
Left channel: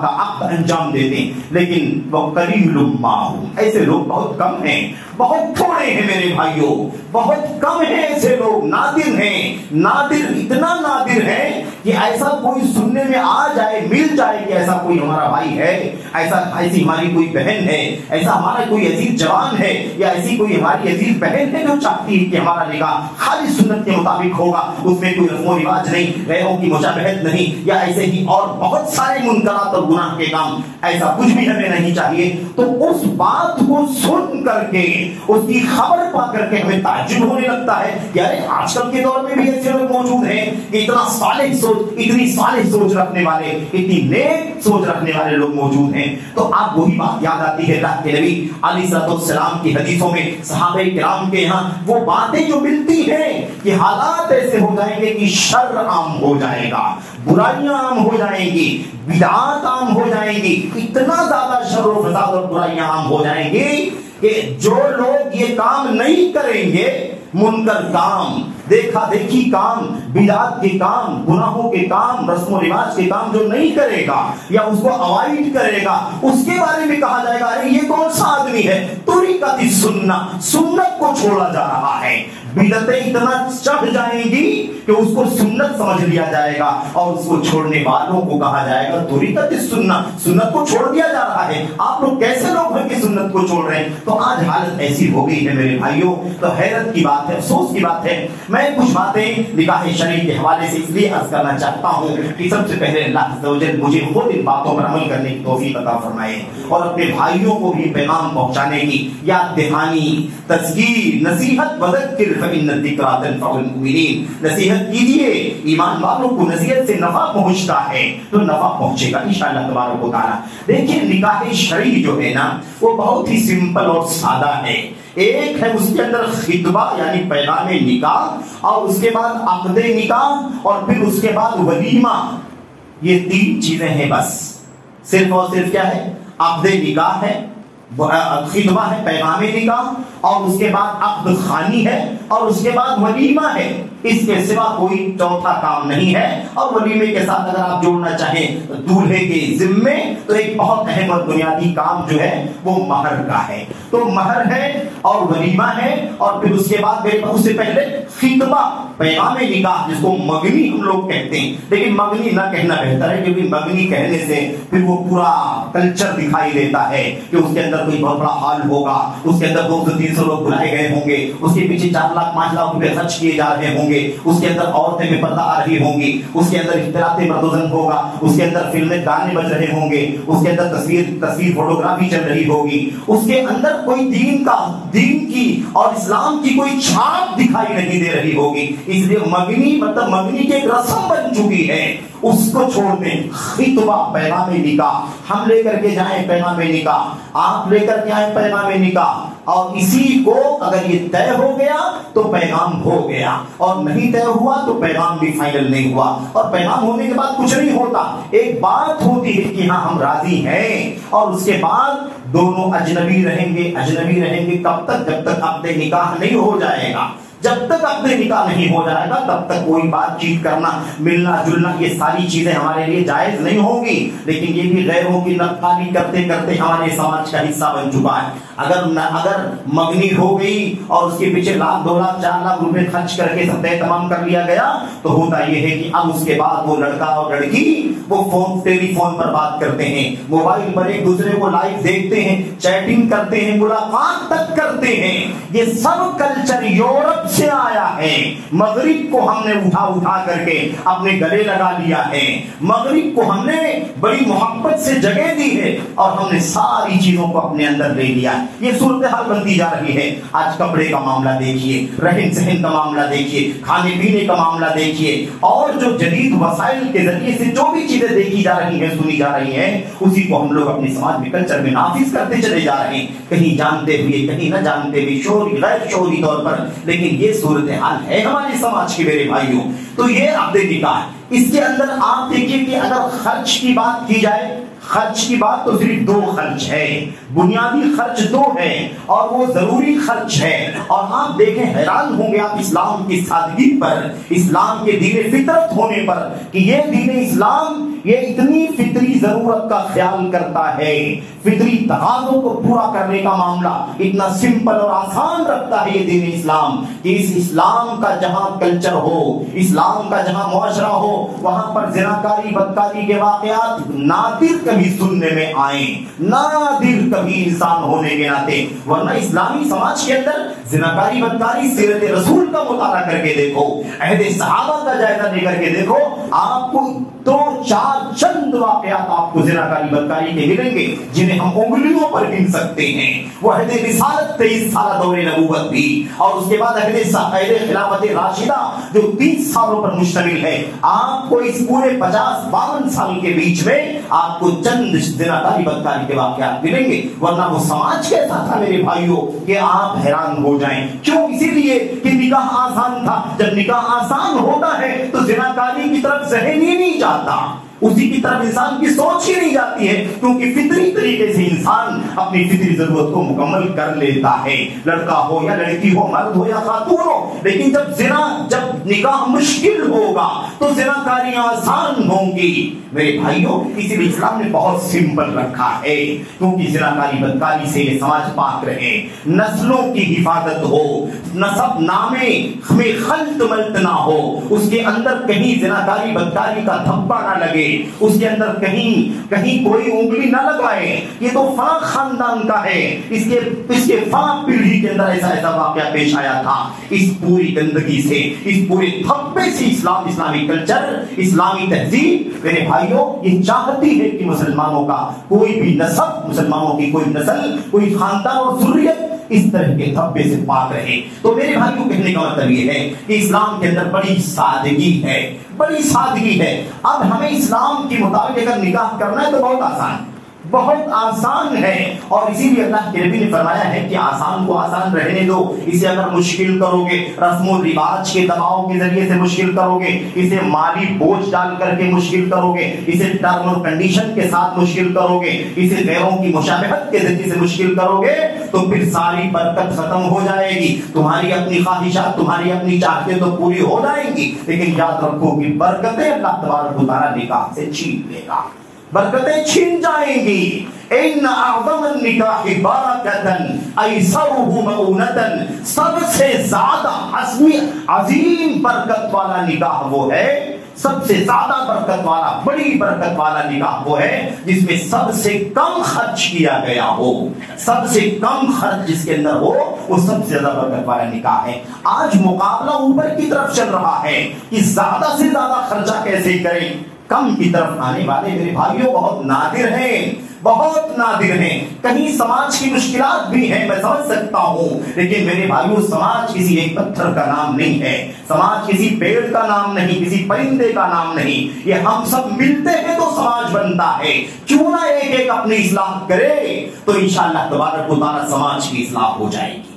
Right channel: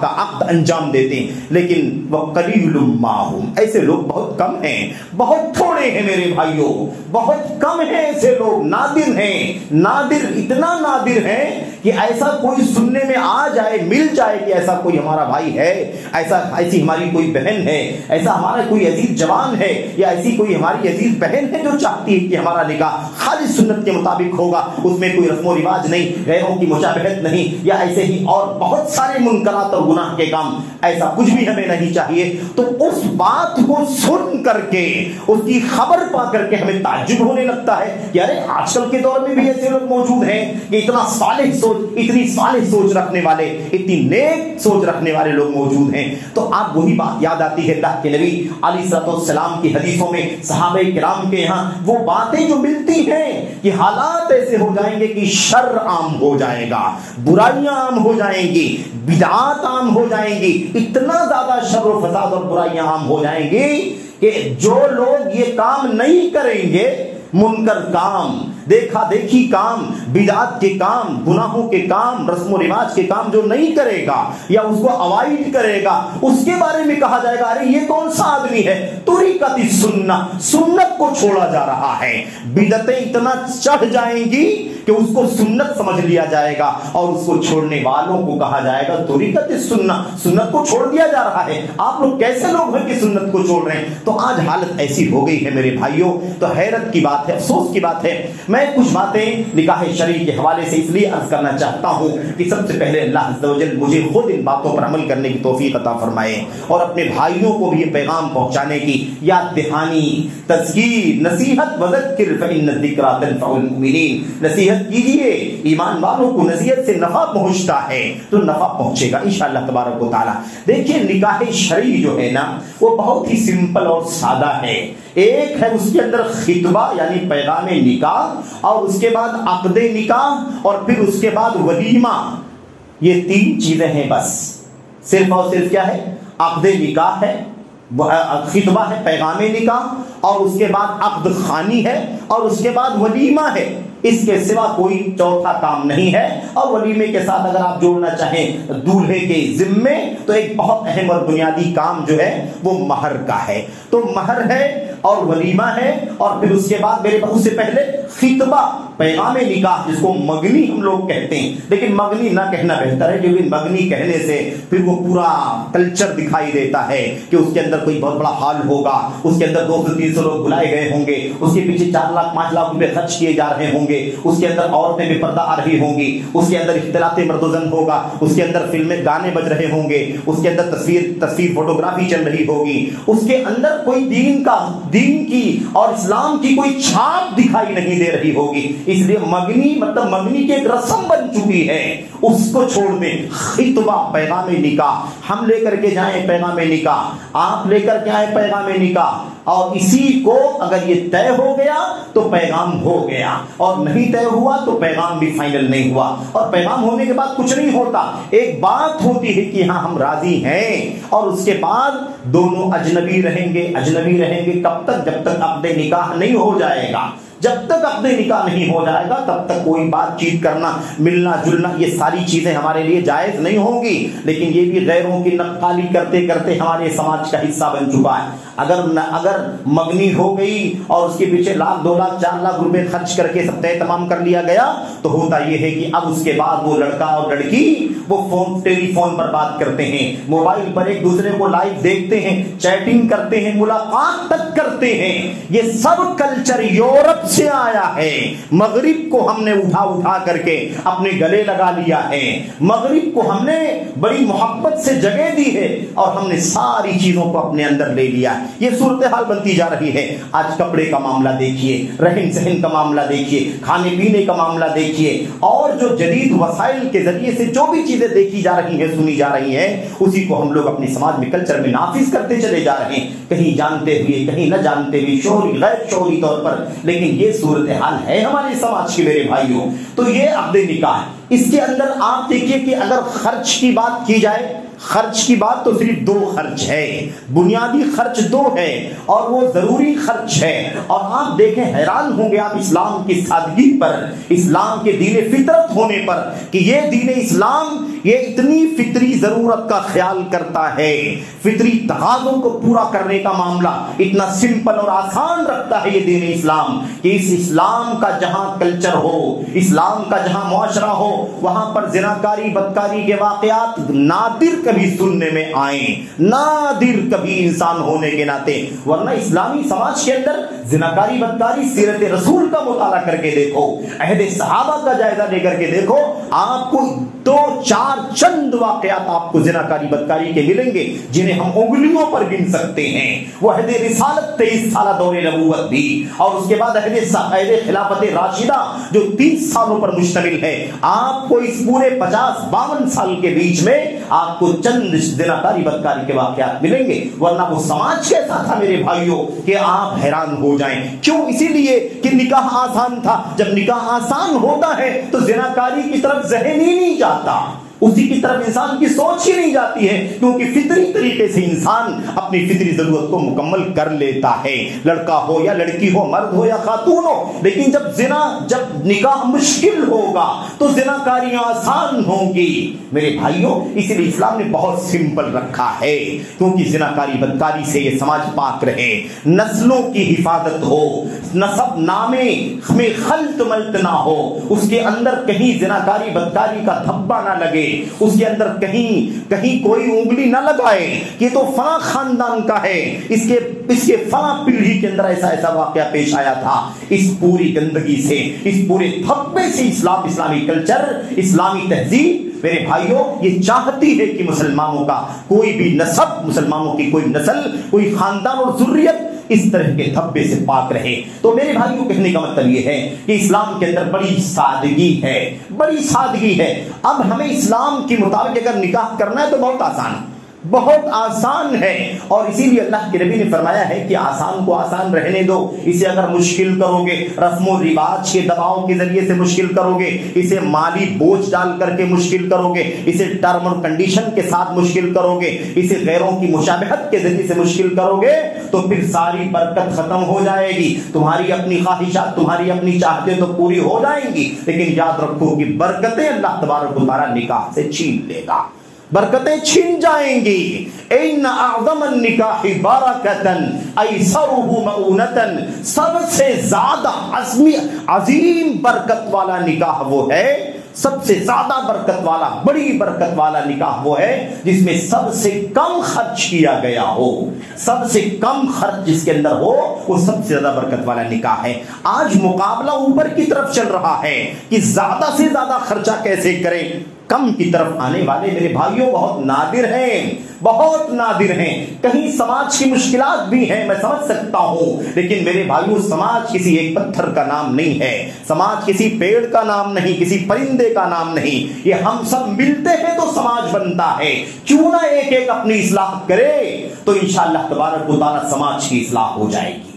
کا عقد انجام دیتے ہیں، لیکن وہ قلیل ما ہم، ایسے لوگ بہت کم ہیں، بہت تھوڑے ہیں میرے بھائیوں، بہت کم ہیں ایسے لوگ، نادر ہیں، نادر، اتنا نادر ہے کہ ایسا کوئی سننے میں آ جائے، مل جائے کہ ایسا کوئی ہمارا بھائی ہے، ایسی ہماری کوئی بہن ہے، ایسا ہمارا کوئی عزیز جوان ہے یا ایسی کوئی ہماری عزیز بہن ہے جو چاہتی ہے کہ ہمارا نکاح خالی سنت کے مطابق ہوگا، اس میں کوئی رسم و رواج نہیں، غیروں کی مشابہت نہیں، یا ایسے ہی اور بہت سارے منکرات اور گناہ کے کام، ایسا کچھ بھی ہمیں نہیں چاہیے۔ تو اس بات کو سن کر کے، اس کی خبر پا کر کے ہمیں تعجب ہونے لگتا ہے کہ ارے آج کل کے دور میں بھی ایسے لوگ موجود ہیں کہ اتنی صالح سوچ رکھنے والے، اتنی نیک سوچ رکھنے والے لوگ موجود ہیں۔ تو آپ وہی بات یاد آتی ہے اللہ کے نبی علیہ السلام کی حدیثوں میں، صحابہ کرام کے یہاں وہ باتیں جو ملتی ہیں کہ حالات ایسے ہو جائیں گے کہ شر عام ہو جائے گا، برائیاں عام ہو جائیں گی، بدعات عام ہو جائیں گی، اتنا زیادہ شر و فساد اور برائیاں عام ہو جائیں گی کہ جو لوگ یہ کام نہیں کریں گے، منکر کام، دیکھا دیکھی کام، بدعات کے کام، گناہوں کے کام، رسم و رواج کے کام جو نہیں کرے گا یا اس کو اوائڈ کرے گا، اس کے بارے میں کہا جائے گا ارے یہ کون سا آدمی ہے، طریقت السنت، سنت کو چھوڑا جا رہا ہے۔ بدعتیں اتنا چڑھ جائیں گی کہ اس کو سنت سمجھ لیا جائے گا اور اس کو چھوڑنے والوں کو کہا جائے گا طریقت السنت، سنت کو چھوڑ دیا جا رہا ہے۔ آپ لوگ کیسے لوگ ہیں کہ سنت کو چھوڑ رہے ہیں؟ تو آج حالت ایسی ہو گئی ہے میرے بھائیوں، تو حیرت کی بات ہے، افسوس کی بات ہے۔ میں کچھ باتیں نکاح شرعی کے حوالے سے اس لیے عرض کرنا چاہتا ہوں کہ سب سے پہلے اللہ عز و جل مجھے خود ان باتوں پر عمل کرنے کی توفیق عطا فرمائے اور اپنے بھائیوں کو بھی پیغام پہنچانے کی یاد دہانی، تذکیر، نصیحت، وذکر فإن الذکریٰ تنفع المؤمنین، نصیحت کیجئے، ایمان والوں کو نصیحت سے نفع پہنچتا ہے تو نفع پہنچے گا انشاءاللہ تبارک و تعالی۔ دیکھیں نکاح شرعی جو ہے نا وہ بہت ہی سمپل اور سادہ ہے۔ ایک ہے اس کے اندر خطبہ یعنی پیغام نکاح، اور اس کے بعد عقد نکاح، اور پھر اس کے بعد ولیمہ۔ یہ تین چیزیں ہیں بس، صرف اور صرف کیا ہے؟ عقد نکاح ہے، خطبہ ہے، پیغام نکاح، اور اس کے بعد عقد خوانی ہے، اور اس کے بعد ولیمہ ہے۔ اس کے سوا کوئی چوتھا کام نہیں ہے۔ اور ولیمے کے ساتھ اگر آپ جوڑنا چاہیں دولہے کے ذمے تو ایک بہت اہم اور بنیادی کام جو ہے وہ مہر کا ہے۔ تو مہر ہے اور ولیمہ ہے، اور پھر اس کے بعد میرے اس سے پہلے خطبہ، پیغام نکاح، جس کو مگنی ہم لوگ کہتے ہیں، لیکن مگنی نہ کہنا بہتر ہے کیونکہ مگنی کہنے سے پھر وہ پورا کلچر دکھائی دیتا ہے کہ اس کے اندر کوئی بہت بڑا ہال ہوگا، اس کے اندر 200-300 لوگ بلائے گئے ہوں گے، اس کے پیچھے 4 لاکھ 5 لاکھ روپے خرچ کیے جا رہے ہوں گے، اس کے اندر عورتیں بے پردہ آ رہی ہوں گی، اس کے اندر اختلاط مرد و زن ہوگا، اس کے اندر فلمیں گانے بج رہے ہوں گے، اس کے اندر تصویر فوٹوگرافی چل رہی ہوگی، اس کے اندر کوئی دین کی اور اسلام کی کوئی چھاپ دکھائی نہیں دے رہی ہوگی۔ اس لیے مگنی مطلب مگنی کی ایک رسم بن چکی ہے، اس کو چھوڑ دیں۔ خطبہ، پیغام نکاح، ہم لے کر کے جائیں پیغام نکاح، آپ لے کر کے آئیں پیغام نکاح، اور اسی کو اگر یہ طے ہو گیا تو پیغام ہو گیا، اور نہیں طے ہوا تو پیغام بھی فائنل نہیں ہوا۔ اور پیغام ہونے کے بعد کچھ نہیں ہوتا، ایک بات ہوتی ہے کہ ہاں ہم راضی ہیں، اور اس کے بعد دونوں اجنبی رہیں گے کب تک؟ جب تک عقد نکاح نہیں ہو جائے گا۔ جب تک عقد نکاح نہیں ہو جائے گا تب تک کوئی بات چیت کرنا، ملنا جلنا، یہ ساری چیزیں ہمارے لیے جائز نہیں ہوگی. لیکن یہ بھی غیروں کی نقالی کرتے کرتے ہمارے سماج کا حصہ بن چکا ہے. اگر مگنی ہو گئی اور اس کے پیچھے لاکھ 2 لاکھ 4 لاکھ روپے خرچ کر کے سب طے تمام کر لیا گیا تو ہوتا یہ ہے کہ اب اس کے بعد وہ لڑکا اور لڑکی وہ ٹیلی فون پر بات کرتے ہیں، موبائل پر ایک دوسرے کو لائیو دیکھتے ہیں، چیٹنگ کرتے ہیں، ملاقات تک کرتے ہیں. یہ سب کلچر یورپ سے آیا ہے. مغرب کو ہم نے اٹھا کر کے اپنے گلے لگا لیا ہے. مغرب کو ہم نے بڑی محبت سے جگہ دی ہے اور ہم نے ساری چیزوں کو اپنے اندر لے لیا. یہ صورتحال بنتی جا رہی ہے. آج کپڑے کا معاملہ دیکھیے، رہن سہن کا معاملہ دیکھیے، کھانے پینے کا معاملہ دیکھیے، اور جو جدید وسائل کے ذریعے سے جو بھی چیزیں دیکھی جا رہی ہیں، سنی جا رہی ہیں، اسی کو ہم لوگ اپنے سماج میں کلچر میں نافذ کرتے چلے جا رہے ہیں، کہیں جانتے ہوئے کہیں نہ جانتے ہوئے، شعوری غیر شعوری طور پر. لیکن یہ صورتحال ہے ہمارے سماج کے میرے بھائیوں. تو یہ عقد نکاح، اس کے اندر آپ دیکھیے کہ اگر خرچ کی بات کی جائے، خرچ کی بات تو صرف 2 خرچ ہے، بنیادی خرچ 2 ہے اور وہ ضروری خرچ ہے. اور آپ دیکھیں، حیران ہوں گے آپ اسلام کی سادگی پر، اسلام کے دین فطرت ہونے پر، کہ یہ دین اسلام یہ اتنی فطری ضرورت کا خیال کرتا ہے، فطری تقاضوں کو پورا کرنے کا معاملہ اتنا سمپل اور آسان رکھتا ہے یہ دین اسلام، کہ اس اسلام کا جہاں کلچر ہو، اسلام کا جہاں معاشرہ ہو، وہاں پر زناکاری بدکاری کے واقعات نادر کبھی سننے میں آئیں، نادر کبھی انسان ہونے کے ناطے. ورنہ اسلامی سماج کے اندر زناکاری بدکاری، سیرت رسول کا مطالعہ کر کے دیکھو، عہد صحابہ کا جائزہ لے کر کے دیکھو، آپ کو 2-4 چند واقعات آپ کو زناکاری بدکاری کے ملیں گے جنہیں ہم انگلیوں پر گن سکتے ہیں. وہ عہد رسالت 23 سالہ دور نبوت بھی، اور اس کے بعد عہد خلافت راشدہ جو 30 سالوں پر مشتمل ہے. آپ کو اس پورے 50-52 سال کے بیچ میں آپ کو چند زناکاری بدکاری کے واقعات ملیں گے. ورنہ وہ سماج کیسا تھا میرے بھائیوں کہ آپ حیران ہو جائیں. کیوں؟ اسی لیے کہ نکاح آسان تھا. جب نکاح آسان ہوتا ہے تو زناکاری کی طرف ذہن ہی نہیں جاتا، اسی کی طرف انسان کی سوچ ہی نہیں جاتی ہے، کیونکہ فطری طریقے سے انسان اپنی فطری ضرورت کو مکمل کر لیتا ہے، لڑکا ہو یا لڑکی ہو، مرد ہو یا خاتون ہو. لیکن جب نکاح مشکل ہوگا تو زناکاریاں آسان ہوں گی میرے بھائیوں. اسی لیے اسلام نے بہت سمپل رکھا ہے، کیونکہ زناکاری بدکاری سے یہ سماج پاک رہے، نسلوں کی حفاظت ہو، نسب نامے میں خلط ملط نہ ہو، اس کے اندر کہیں زناکاری بدکاری کا دھبا نہ لگے، اس کے اندر کہیں کوئی انگلی نہ لگائے کہ تو فلاں خاندان کا ہے، اس کے فلاں پیڑھی کے اندر ایسا واقعہ پیش آیا تھا. اس پوری گندگی سے، اس پورے دھبے سے اسلامی کلچر، اسلامی تہذیب میرے بھائیوں یہ چاہتی ہے کہ مسلمانوں کا کوئی بھی نسب، مسلمانوں کی کوئی نسل، کوئی خاندان اور ذریت اس طرح کے دھبے سے پاک رہے. تو میرے بھائیوں کہنے کا مطلب یہ ہے کہ اسلام کے اندر بڑی سادگی ہے، بڑی سادگی ہے. اب ہمیں اسلام کے مطابق اگر نکاح کرنا ہے تو بہت آسان ہے. اور اسی لیے اللہ کے نبی نے فرمایا ہے کہ آسان کو آسان رہنے دو. اسے اگر مشکل کرو گے، رسم و رواج کے دباؤ کے ذریعے سے مشکل کرو گے، اسے مالی بوجھ ڈال کر کے مشکل کرو گے، اسے ٹرم اور کنڈیشن کے ساتھ مشکل کرو گے، اسے غیروں کی مشابہت کے ذریعے سے مشکل کرو گے، تو پھر ساری برکت ختم ہو جائے گی. تمہاری اپنی خواہشات، تمہاری اپنی چاہتیں تو پوری ہو جائیں گی، لیکن یاد رکھو کہ برکتیں اللہ تبارک و تعالیٰ نکاح سے چھین لے گا، برکتیں چھین جائیں گی. ان اعظم النکاح برکتن ایسرہ مؤونتن، سب سے زیادہ عظیم برکت والا نکاح وہ ہے، سب سے زیادہ برکت والا، بڑی برکت والا نکاح وہ ہے جس میں سب سے کم خرچ کیا گیا ہو، سب سے کم خرچ جس کے اندر ہو وہ سب سے زیادہ برکت والا نکاح ہے. آج مقابلہ اوپر کی طرف چل رہا ہے کہ زیادہ سے زیادہ خرچہ کیسے کریں. کم کی طرف آنے والے میرے بھائیوں بہت نادر ہیں، بہت نادر ہیں. کہیں سماج کی مشکلات بھی ہیں، میں سمجھ سکتا ہوں، لیکن میرے بھائیوں سماج کسی ایک پتھر کا نام نہیں ہے، سماج کسی پیڑ کا نام نہیں، کسی پرندے کا نام نہیں. یہ ہم سب ملتے ہیں تو سماج بنتا ہے. کیوں نہ ایک اپنی اصلاح کرے تو انشاءاللہ تبارک و تعالیٰ سماج کی اصلاح ہو جائے گی،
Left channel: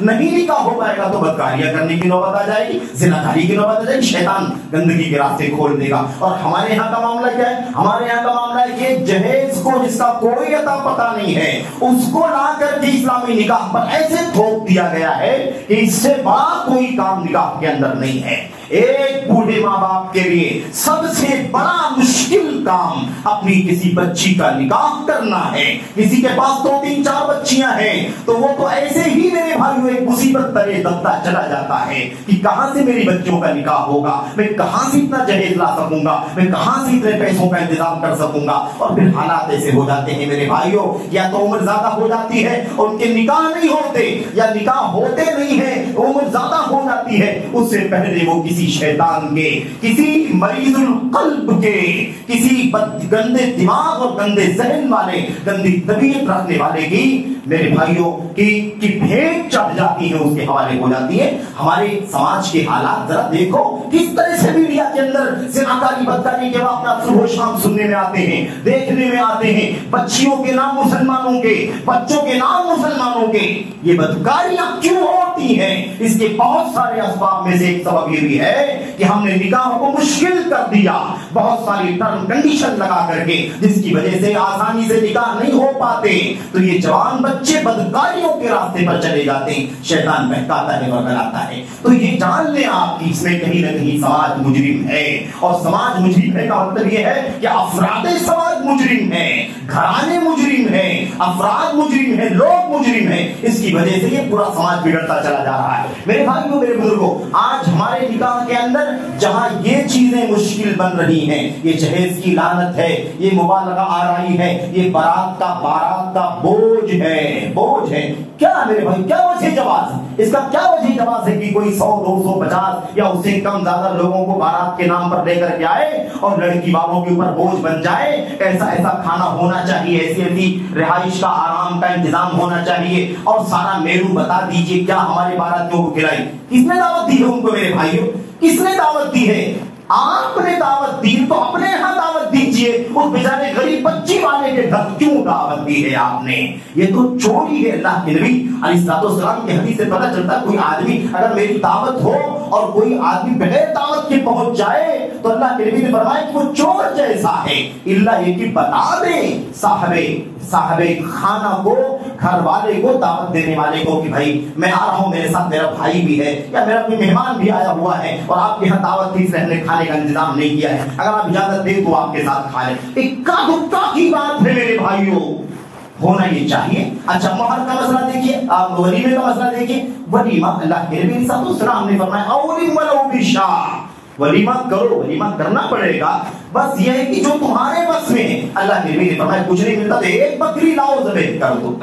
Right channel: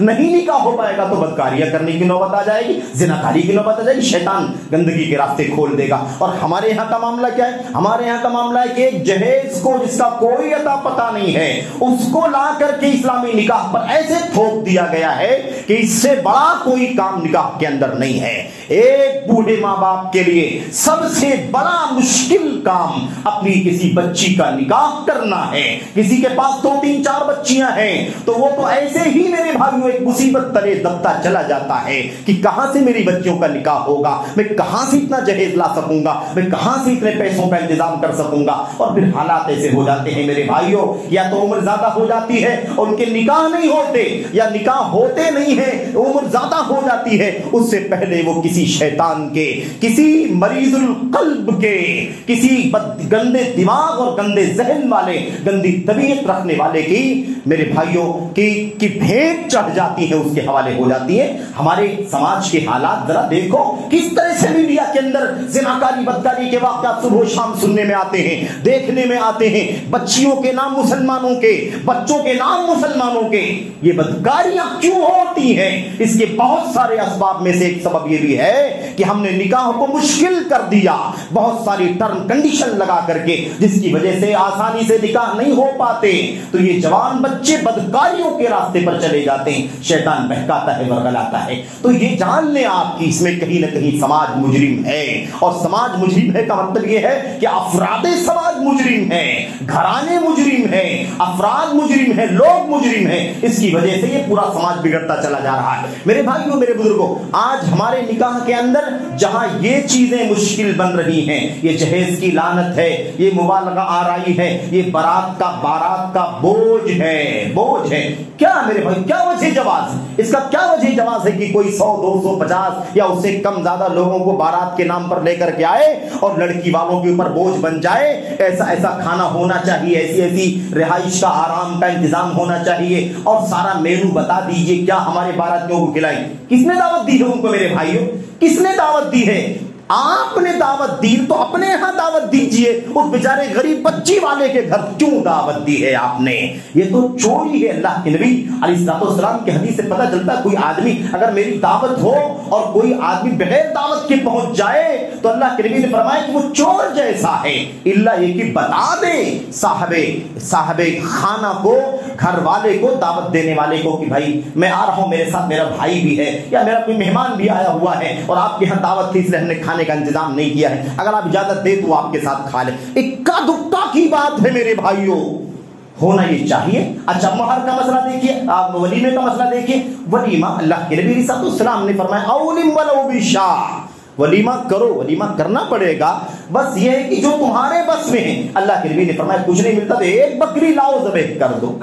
نہیں نکاح ہو پائے گا تو بدکاریاں کرنے کی نوبت آ جائے گی، زناکاری کی نوبت آ جائے گی، شیطان گندگی کے راستے کھول دے گا۔ اور ہمارے یہاں کا معاملہ کیا ہے؟ ہمارے یہاں کا معاملہ ہے کہ جہیز کو جس کا کوئی عطا پتہ نہیں ہے اس کو لا کر کے اسلامی نکاح پر ایسے تھوپ دیا گیا ہے کہ اس سے بڑا کوئی کام نکاح کے اندر نہیں ہے۔ ایک بوڑھے ماں باپ کے لیے سب سے بڑا مشکل کام اپنی کسی بچی کا نکاح کرنا ہے۔ کسی کے پاس 2 3 4 بچیاں ہیں تو وہ تو ایسے ہی میرے بھائیوں ایک مصیبت ترے دبتا چلا جاتا ہے کہ کہاں سے میری بچیوں کا نکاح ہوگا، میں کہاں سے اتنا جہیز لا سکوں گا، میں کہاں سے اتنے پیسوں کا انتظام کر سکوں گا۔ اور پھر حالات ایسے ہو جاتے ہیں میرے بھائیوں، یا تو عمر زیادہ ہو جاتی ہے ان کے نکاح نہیں ہوتے، یا نکاح ہوتے نہیں ہیں عمر زیادہ ہو جاتی ہے، اس سے پہلے وہ کسی شیطان کے، کسی مریض القلب کے، کسی گندے دماغ اور گندے ذہن والے، گندی طبیعت رکھنے والے کی میرے بھائیوں کی بھیٹ چڑھ جاتی ہے، اس کے حوالے ہو جاتی ہے۔ ہمارے سماج کے حالات ذرا دیکھو کس طرح سے میڈیا کے اندر زناکاری بدکاری کے واقعات صبح و شام سننے میں آتے ہیں، دیکھنے میں آتے ہیں۔ بچیوں کے نام مسلمانوں کے، بچوں کے نام مسلمانوں کے، یہ بدکاریاں کیوں ہوتی ہیں؟ اس کے بہت سارے اسباب میں سے ایک سبب یہ بھی ہے کہ ہم نے نکاح کو مشکل کر دیا، بہت ساری ٹرم کنڈیشن لگا کر کے، جس کی وجہ سے آسانی سے نکاح نہیں ہو پاتے، تو یہ جوان بچے بدکاریوں کے راستے پر چلے جاتے ہیں، شیطان بہکاتا ہے ورگلاتا ہے۔ تو یہ جان لیں آپ کی اس میں کہیں نہ کہیں سماج مجرم ہے، اور سماج مجرم ہے کا مطلب یہ ہے کہ افراد سماج مجرم ہے، گھرانے مجرم ہے، افراد مجرم ہے، لوگ مجرم ہیں۔ اس کی وجہ سے یہ پورا سماج بگڑتا چلا جا رہا ہے۔ میرے بھائیوں، میرے بزرگوں، آج ہمارے نکاح کے اندر جہاں یہ چیزیں مشکل بن رہی ہیں، یہ جہیز کی لعنت ہے، یہ مبالغہ آرائی ہے، یہ بارات کا بوجھ ہے۔ کیا میرے بھائی، کیا وجہ جواز؟ اس کا کیا وجہ جواز ہے کہ کوئی 100 200 50 یا اس سے کم زیادہ لوگوں کو بارات کے نام پر لے کر کے آئے اور لڑکی والوں کے اوپر بوجھ بن جائے؟ ایسا کھانا ہونا چاہیے، ایسی رہائش کا آرام کا انتظام ہونا چاہیے، اور سارا مینو بتا دیجئے کیا ہمارے باراتیوں کو کھلائیں۔ کس نے دعوت دی ہے ان کو میرے بھائیوں؟ کس نے دعوت دی ہے؟ آپ نے دعوت دی تو اپنے ہاں دعوت دیجئے، اس بیچارے غریب بچی والے کے گھر کیوں دعوت دی ہے آپ نے؟ یہ تو چوری ہے۔ اللہ کے نبی علیہ السلام کی حدیث سے پتہ چلتا کوئی آدمی اگر میری دعوت ہو اور کوئی آدمی بغیر دعوت کے پہنچ جائے تو اللہ کے نبی نے فرمایا کہ وہ چور جیسا ہے، اللہ یہ کہ بتا دے صاحب خانہ کو، گھر والے کو، دعوت دینے والے کو کہ بھائی میں آ رہا ہوں، میرے ساتھ میرا بھائی بھی ہے یا میرا کوئی مہمان بھی آیا ہوا ہے اور آپ کے یہاں دعوت تھی، اس لیے ہم نے کھانے کا انتظام نہیں کیا ہے، اگر آپ اجازت دیں تو آپ کے ساتھ کھا لیں۔ اکا دکا کی بات ہے میرے بھائیوں، ہونا یہ چاہیے۔ اچھا، مہر کا مسئلہ دیکھیے، آپ ولیمے کا مسئلہ دیکھیے۔ ولیمہ اللہ کے نبی صلی اللہ علیہ وسلم نے فرمایا اولم ولو بشاء، ولیمہ کرو، ولیمہ کرنا پڑے گا، بس یہ ہے کہ جو تمہارے بس میں ہے۔ اللہ کے نبی نے فرمایا کچھ نہیں ملتا تو ایک بکری لاؤ، ذبح کر دو۔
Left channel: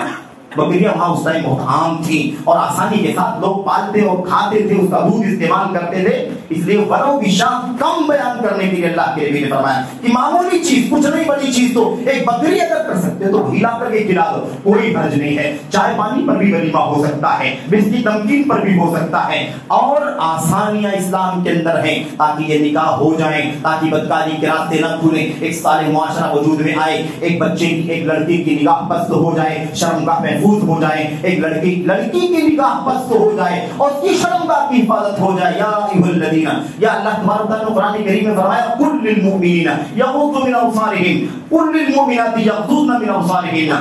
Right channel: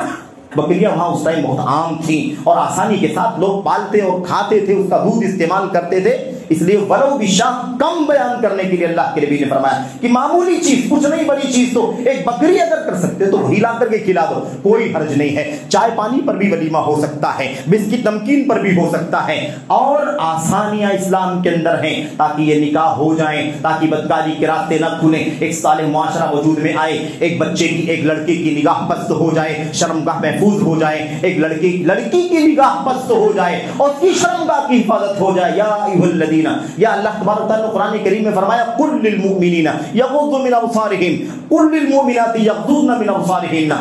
بکریاں وہاں اس ٹائم بہت عام تھی اور آسانی کے ساتھ لوگ پالتے اور کھاتے تھے، اس کا دودھ استعمال کرتے تھے، اس لیے ولو بشاء کم بیان کرنے کے لیے اللہ کے نبی نے فرمایا کہ معمولی چیز، کچھ نہیں بڑی چیز تو ایک بکری اگر کر سکتے تو وہی لا کر کے کھلا دو، کوئی حرج نہیں ہے۔ چائے پانی پر بھی ولیمہ ہو سکتا ہے، بسکٹ نمکین پر بھی ہو سکتا ہے، اور آسانیاں اسلام کے اندر ہیں تاکہ یہ نکاح ہو جائیں، تاکہ بدکاری کے راستے نہ کھلیں، ایک صالح معاشرہ وجود میں آئے، ایک بچے کی، ایک لڑکی کی نگاہ پست ہو جائے، شرمگاہ محفوظ ہو جائے، ایک لڑکی کی نگاہ پست ہو جائے اور اس کی شرمگاہ کی حفاظت ہو جائے۔ یا ایھا الذین، یا اللہ تبارک و تعالیٰ نے قرآن کریم میں فرمایا قل للمؤمنین یغضوا من ابصارہم قل للمؤمنات یغضضن من ابصارہن،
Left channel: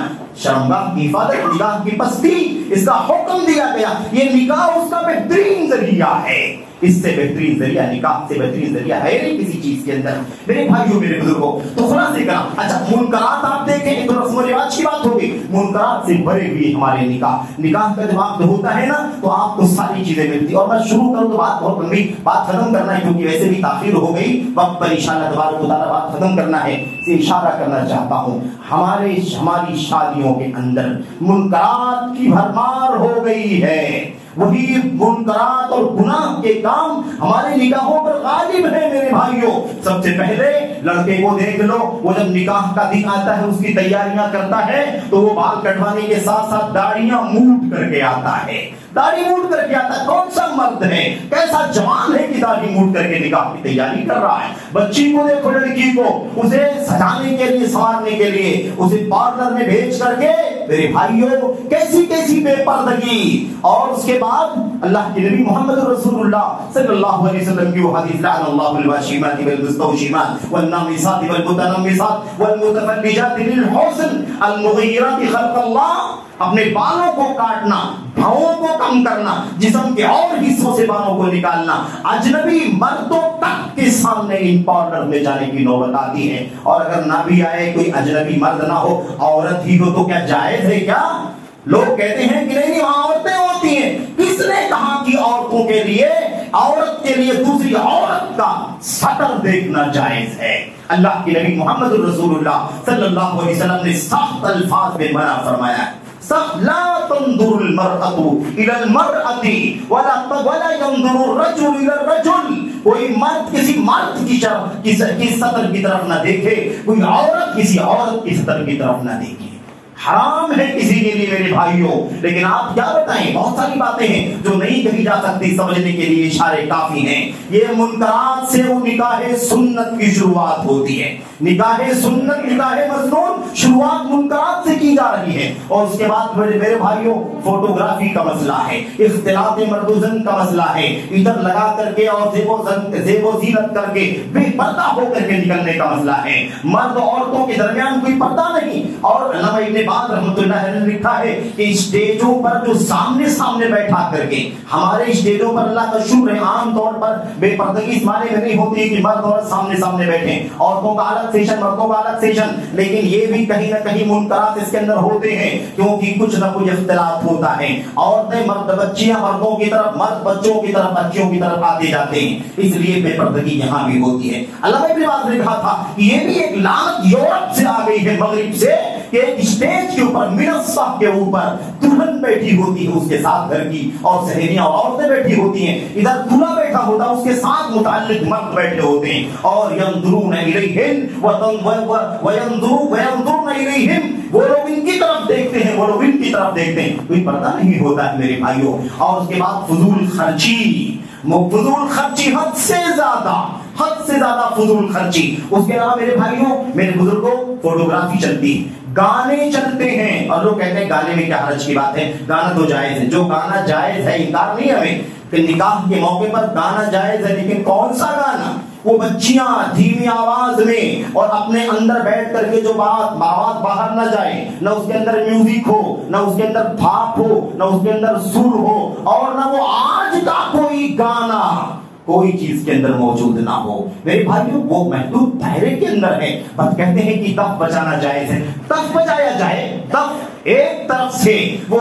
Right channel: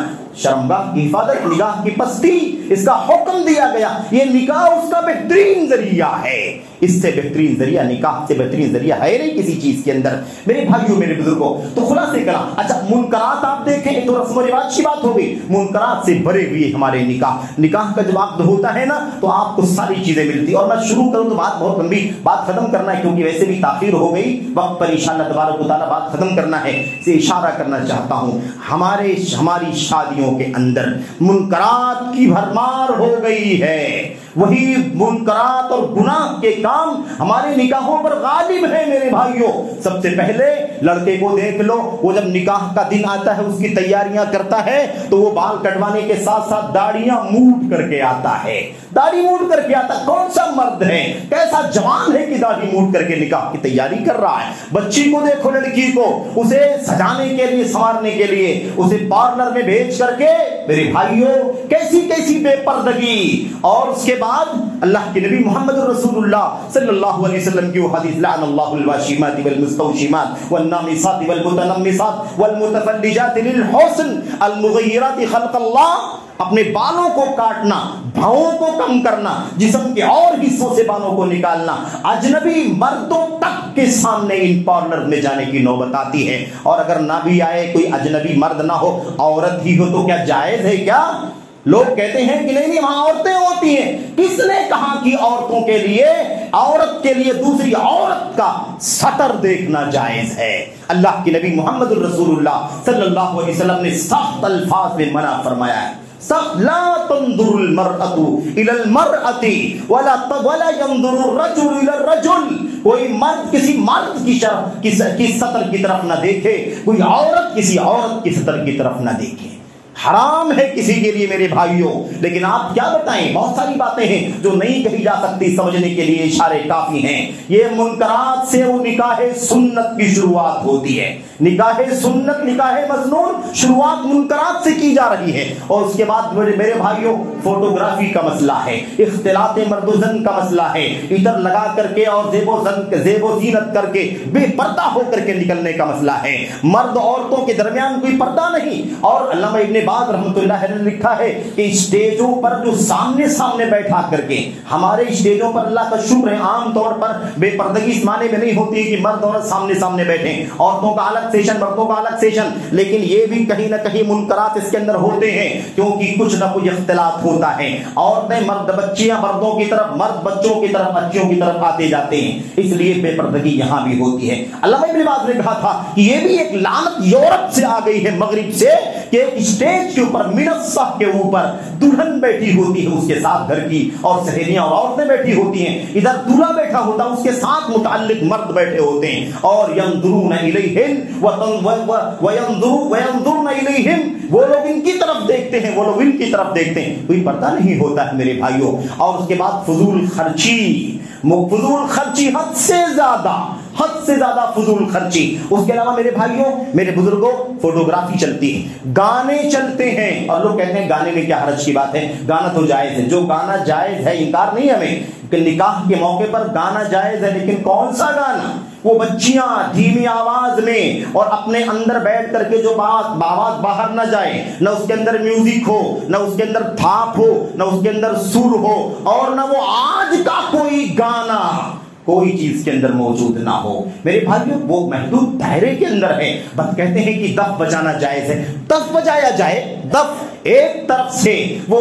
شرمگاہ کی حفاظت، نگاہ کی پستی، اس کا حکم دیا گیا۔ یہ نکاح اس کا بہترین ذریعہ ہے، اس سے بہترین ذریعہ، نکاح سے بہترین ذریعہ ہے نہیں کسی چیز کے اندر۔ میرے بھائیوں، میرے بزرگوں، تو خلاصے کرا، اچھا منکرات آپ دیکھیں تو رسم و رواج کی بات ہوگی، منکرات سے بھرے ہوئے ہمارے نکاح کا جب آپ ہوتا ہے نا تو آپ کو ساری چیزیں ملتی۔ اور میں شروع کروں تو بات بہت لمبی، بات ختم کرنا ہے کیونکہ ویسے بھی تاخیر ہو گئی، وقت پر انشاءاللہ تبارک و تعالیٰ بات ختم کرنا ہے، سے اشارہ کرنا چاہتا ہوں۔ ہماری شادیوں کے اندر منکرات کی بھرمار ہو گئی ہے، وہی منکرات اور گناہ کے کام ہمارے نکاحوں پر غالب ہے میرے بھائیوں۔ سب سے پہلے لڑکے کو دیکھ لو، وہ جب نکاح کا دن آتا ہے، اس کی تیاریاں کرتا ہے تو وہ بال کٹوانے کے ساتھ ساتھ داڑیاں موڑ کر کے آتا ہے، داڑھی موڑ کر کے آتا ہے۔ کون سا مرد ہے، کیسا جوان ہے کہ داڑھی موڑ کر کے نکاح کی تیاری کر رہا ہے؟ بچی کو دیکھو، لڑکی کو، اسے سجانے کے لیے، سنوارنے کے لیے اسے پارلر میں بھیج کر کے میرے بھائیوں کیسی کیسی بے پردگی. اور اس کے بعد اللہ کے نبی محمد رسول اللہ صلی اللہ علیہ وسلم کی وہ حدیث لعن اللہ الواشمات والمستوشمات والنامصات والمتنمصات والمتفلجات للحسن المغیرات خلق اللہ. اپنے بالوں کو کاٹنا، بھاؤں کو کم کرنا، جسم کے اور حصوں سے بالوں کو نکالنا، اجنبی مردوں تک کے سامنے ان پارلر میں جانے کی نوبت آتی ہے. اور اگر نہ بھی آئے کوئی اجنبی مرد نہ ہو، عورت ہی ہو تو کیا جائز ہے کیا؟ لوگ کہتے ہیں کہ نہیں وہاں عورتیں ہوتی ہیں. کس نے کہا کہ عورتوں کے لیے، عورت کے لیے دوسری عورت کا سطر دیکھنا جائز ہے؟ اللہ کے نبی محمد رسول اللہ صلی اللہ علیہ وسلم نے سخت الفاظ میں منع فرمایا ہے. لا تنظر المرأة الى المرأة ولا ينظر الرجل الى الرجل. کوئی مرد کسی مرد کی سطر کی طرف نہ دیکھے، کوئی عورت کسی عورت کی سطر کی طرف نہ دیکھے. حرام ہے کسی کے لیے میرے بھائیوں. لیکن آپ کیا بتائیں، بہت ساری باتیں ہیں جو نہیں کہی جا سکتی، سمجھنے کے لیے اشارے کافی ہیں. یہ منکرات سے وہ نکاح سنت کی شروعات ہوتی ہے. نکاح سنت، نکاح مسنون شروعات منکرات سے کی جا رہی ہے. اور اس کے بعد میرے بھائیوں فوٹوگرافی کا مسئلہ ہے، اختلاط مرد و زن کا مسئلہ ہے. ادھر لگا کر کے اور زیب و زینت کر کے بے پردہ ہو کر کے نکلنے کا مسئلہ ہے. مرد عورتوں کے درمیان کوئی پردہ نہیں. اور علامہ ابن باز رحمۃ اللہ علیہ نے لکھا ہے کہ اسٹیجوں پر جو سامنے بیٹھا کر کے، ہمارے اسٹیجوں پر اللہ کا شکر ہے عام طور پر بے پردگی اس معنی میں نہیں ہوتی کہ مرد اور سامنے بیٹھیں، عورتوں کا الگ سیشن، مردوں کا الگ سیشن. لیکن یہ بھی کہیں نہ کہیں منکرات اس کے اندر ہوتے ہیں، کیونکہ کچھ نہ کچھ اختلاف ہوتا ہے. عورتیں بچیاں مردوں کی طرف، مرد بچوں کی طرف، بچیوں کی طرف آتے جاتے ہیں، اس لیے بے پردگی یہاں بھی ہوتی ہے. علامہ ابن باز نے کہا تھا کہ یہ بھی ایک لعنت یورپ سے آ گئی ہے، مغرب سے، کہ اسٹیج کے اوپر منصہ کے اوپر دلہن بیٹھی ہوتی ہے، اس کے ساتھ گھر کی اور سہیلیاں اور عورتیں بیٹھی ہوتی ہیں، ادھر دولہا بیٹھا ہوتا ہے، اس کے ساتھ متعلق مرد بیٹھے ہوتے ہیں. اور ينظرون الیہم وینظرون الیہم، وہ لوگ ان کی طرف دیکھتے ہیں، وہ لوگ ان کی طرف دیکھتے ہیں. کوئی پردہ نہیں ہوتا ہے میرے بھائیوں. اور اس کے بعد فضول خرچی حد سے زیادہ فضول خرچی. اس کے علاوہ میرے بھائیوں، میرے بزرگوں، فوٹوگرافی چلتی ہے، گانے چلتے ہیں. اور لوگ کہتے ہیں گانے میں کیا حرج کی بات ہے، گانا تو جائز ہے. جو گانا جائز ہے، انکار نہیں ہمیں کہ نکاح کے موقع پر گانا جائز ہے، لیکن کون سا گانا؟ وہ بچیاں دھیمی آواز میں اور اپنے اندر بیٹھ کر کے جو بات باہر نہ جائے، نہ اس کے اندر میوزک ہو، نہ اس کے اندر تھاپ ہو، نہ اس کے اندر سر ہو، اور نہ وہ آج کا کوئی گانا کوئی چیز کے اندر موجود نہ ہو. میرے بھائیوں وہ محدود دائرے کے اندر ہے. بس کہتے ہیں کہ دف بجانا جائز ہے، دف بجایا جائے. دف ایک طرف سے وہ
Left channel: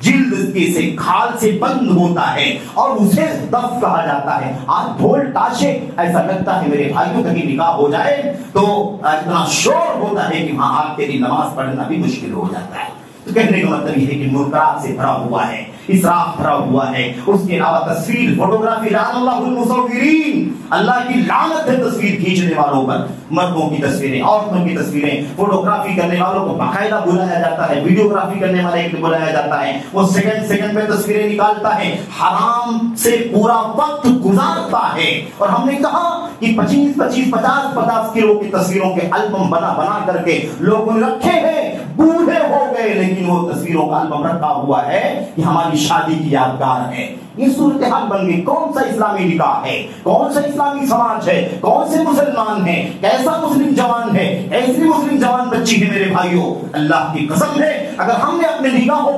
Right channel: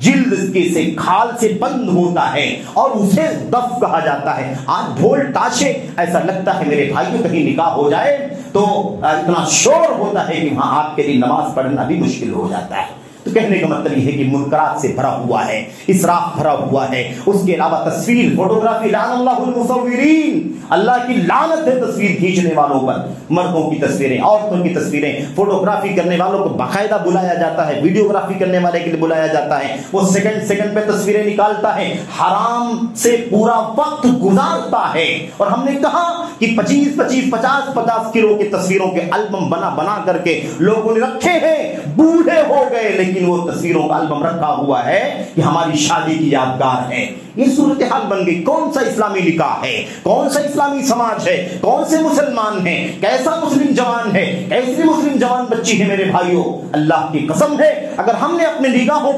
جلد کے سے کھال سے بند ہوتا ہے اور اسے دف کہا جاتا ہے. آج ڈھول تاشے، ایسا لگتا ہے میرے بھائیوں کہیں نکاح ہو جائے تو اتنا شور ہوتا ہے کہ وہاں آپ کے لیے نماز پڑھنا بھی مشکل ہو جاتا ہے. تو کہنے کا مطلب یہ ہے کہ منکرات سے بھرا ہوا ہے، اسراف بھرا ہوا ہے. اس کے علاوہ تصویر، فوٹوگرافی، لعن اللہ المصورین، اللہ کی لعنت ہے تصویر کھینچنے والوں پر. مردوں کی تصویریں، عورتوں کی تصویریں، فوٹوگرافی کرنے والوں کو باقاعدہ بلایا جاتا ہے، ویڈیوگرافی کرنے والے کے لیے بلایا جاتا ہے. وہ سیکنڈ پہ تصویریں نکالتا ہے، حرام سے پورا وقت گزارتا ہے. اور ہم نے کہا کہ 50 کلو کی تصویروں کے البم بنا کر کے لوگوں نے رکھے ہیں. بوڑھے ہو گئے لیکن وہ تصویروں کا البم رکھا ہوا ہے کہ ہماری شادی کی یادگار ہے. یہ صورتحال بن گئی. کون سا اسلامی نکاح ہے؟ کون سا اسلامی سماج ہے؟ کون سے مسلمان ہیں؟ کیسا مسلم جوان ہے؟ کیسی مسلم جوان بچی ہے؟ میرے بھائیوں اللہ کی قسم ہے اگر ہم نے اپنے نکاحوں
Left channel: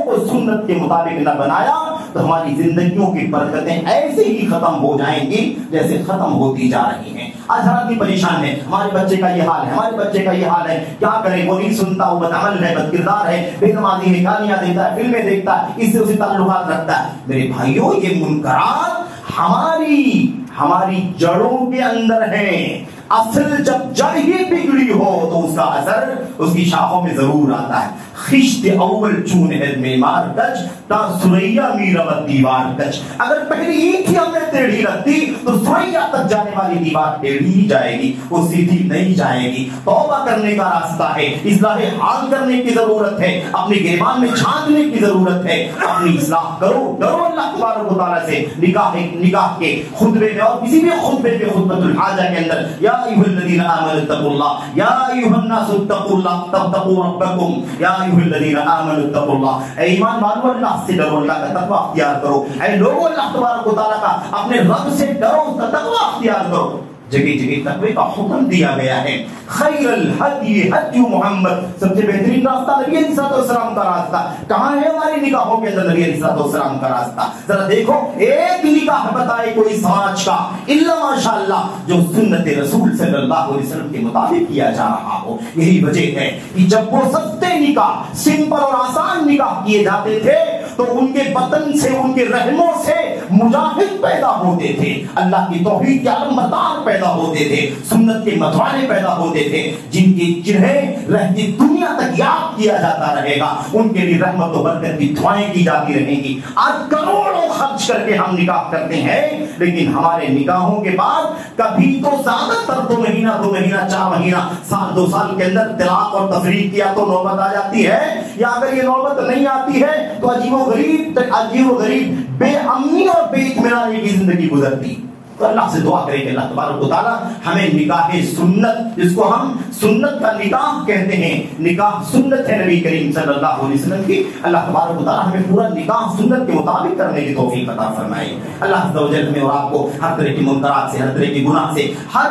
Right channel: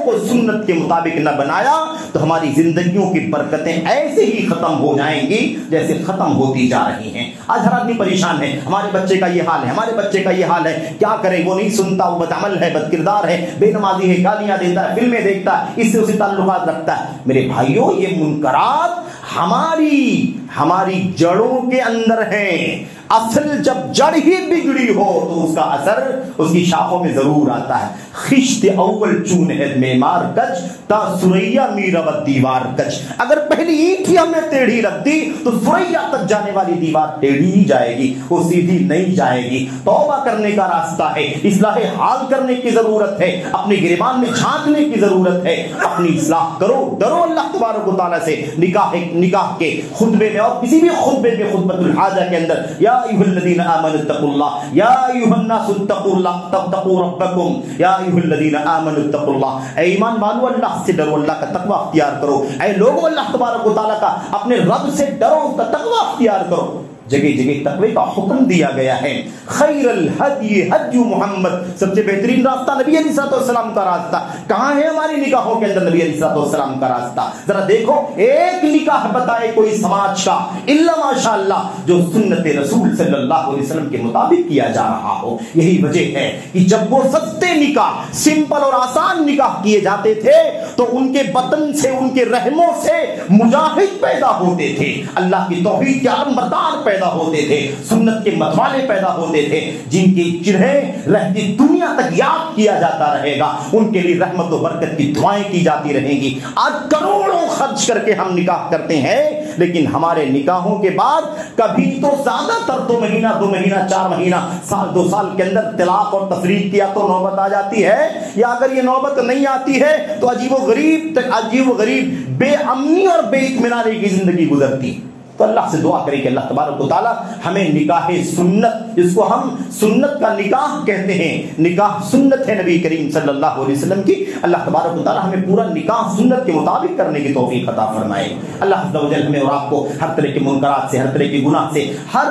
کو سنت کے مطابق نہ بنایا تو ہماری زندگیوں کی برکتیں ایسے ہی ختم ہو جائیں گی جیسے ختم ہوتی جا رہی ہیں. آج ہر آدمی پریشان ہے، ہمارے بچے کا یہ حال ہے، ہمارے بچے کا یہ حال ہے، کیا کریں؟ وہ نہیں سنتا، وہ بدعمل ہے، بد کردار ہے، بے نمازی ہے، گالیاں دیتا ہے، فلمیں دیکھتا ہے، اس سے اسے تعلقات رکھتا ہے. میرے بھائیوں یہ منکرات ہماری جڑوں کے اندر ہیں. اصل جب جڑ ہی بگڑی ہو تو اس کا اثر اس کی شاخوں میں ضرور آتا ہے. خشت اول چون ہے معمار گج تا سریا میرا دیوار گج. اگر پہلی اینٹ ہی ہم نے ٹیڑھی رکھ دی تو سریا تک جانے والی دیوار ٹیڑھی ہی جائے گی, وہ سیدھی نہیں جائے گی. توبہ کرنے کا راستہ ہے, اصلاح حال کرنے کی ضرورت ہے, اپنے گریبان میں جھانکنے کی ضرورت ہے. اپنی اصلاح کرو, ڈرو اللہ تبارک و تعالیٰ سے. نکاح کے خطبے میں اور کسی بھی خطبے میں خطبۃ الحاجہ کے اندر یا ایھا الذین آمنوا اتقوا اللہ, یا ایھا الناس اتقوا اللہ اتقوا ربکم, یا ایھا الذین آمنوا اتقوا اللہ, اے ایمان والو اللہ سے ڈرو, اللہ کا تقوی اختیار کرو. اے لوگوں اللہ تبارک و تعالیٰ کا اپنے رب سے ڈرو, تقوی اختیار کرو. جگہ جگہ تقوی کا حکم دیا گیا ہے. خیر الہدی ہدی محمد, سب سے بہترین راستہ نبی علیہ السلام کا راستہ. کہاں ہے ہماری نکاحوں کے اندر نبی علیہ السلام کا راستہ؟ ذرا دیکھو, ایک نکاح بتائے کوئی سماج کا الا ماشاءاللہ جو سنت رسول صلی اللہ علیہ وسلم کے مطابق کیا جا رہا ہو. یہی وجہ ہے کہ جب وہ سستے نکاح, سمپل اور آسان نکاح کیے جاتے تھے تو ان کے بدن سے, ان کے رحموں سے مجاہد پیدا ہوتے تھے, اللہ کی توحید کے علمبردار پیدا ہوتے تھے, سنت کے متوالے پیدا ہوتے تھے, جن کے چہرے رہتی دنیا تک یاد کیا جاتا رہے گا. ان کے لیے رحمت و برکت کی دعائیں کی جاتی رہیں گی. آج کروڑوں خرچ کر کے ہم نکاح کرتے ہیں, لیکن ہمارے نکاحوں کے بعد کبھی تو زیادہ تر 2 مہینہ 2 مہینہ 4 مہینہ سال 2 سال کے اندر طلاق اور تفریق کیا تو نوبت آ جاتی ہے, یا اگر یہ نوبت نہیں آتی ہے تو عجیب و غریب بے امنی اور بے اطمینانی کی زندگی گزرتی. تو اللہ سے دعا کریں کہ اللہ تبارک و تعالیٰ ہمیں نکاح سنت, جس کو ہم سنت کا نکاح کہتے ہیں, نکاح سنت ہے نبی کریم صلی اللہ علیہ وسلم کی, اللہ تبارک و تعالیٰ ہمیں پورا نکاح سنت کے مطابق کرنے کی توفیق عطا فرمائے. اللہ عز و جل ہمیں اور آپ کو ہر طرح کے منکرات سے, ہر طرح کے گناہ سے, ہر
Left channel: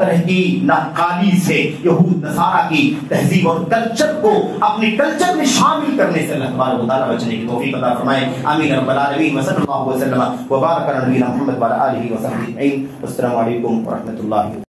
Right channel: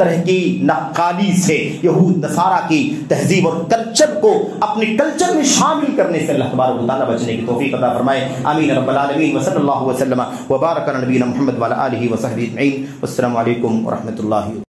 طرح کی ناقالی سے, یہود نصارہ کی تہذیب اور کلچر کو اپنے کلچر میں شامل کرنے سے اللہ تبارک و تعالیٰ بچنے کی توفیق عطا فرمائے. آمین رب العالمین. وصلی اللہ وسلم وبارک علی نبینا محمد وعلی آلہ وصحبہ اجمعین. والسلام علیکم ورحمۃ اللہ.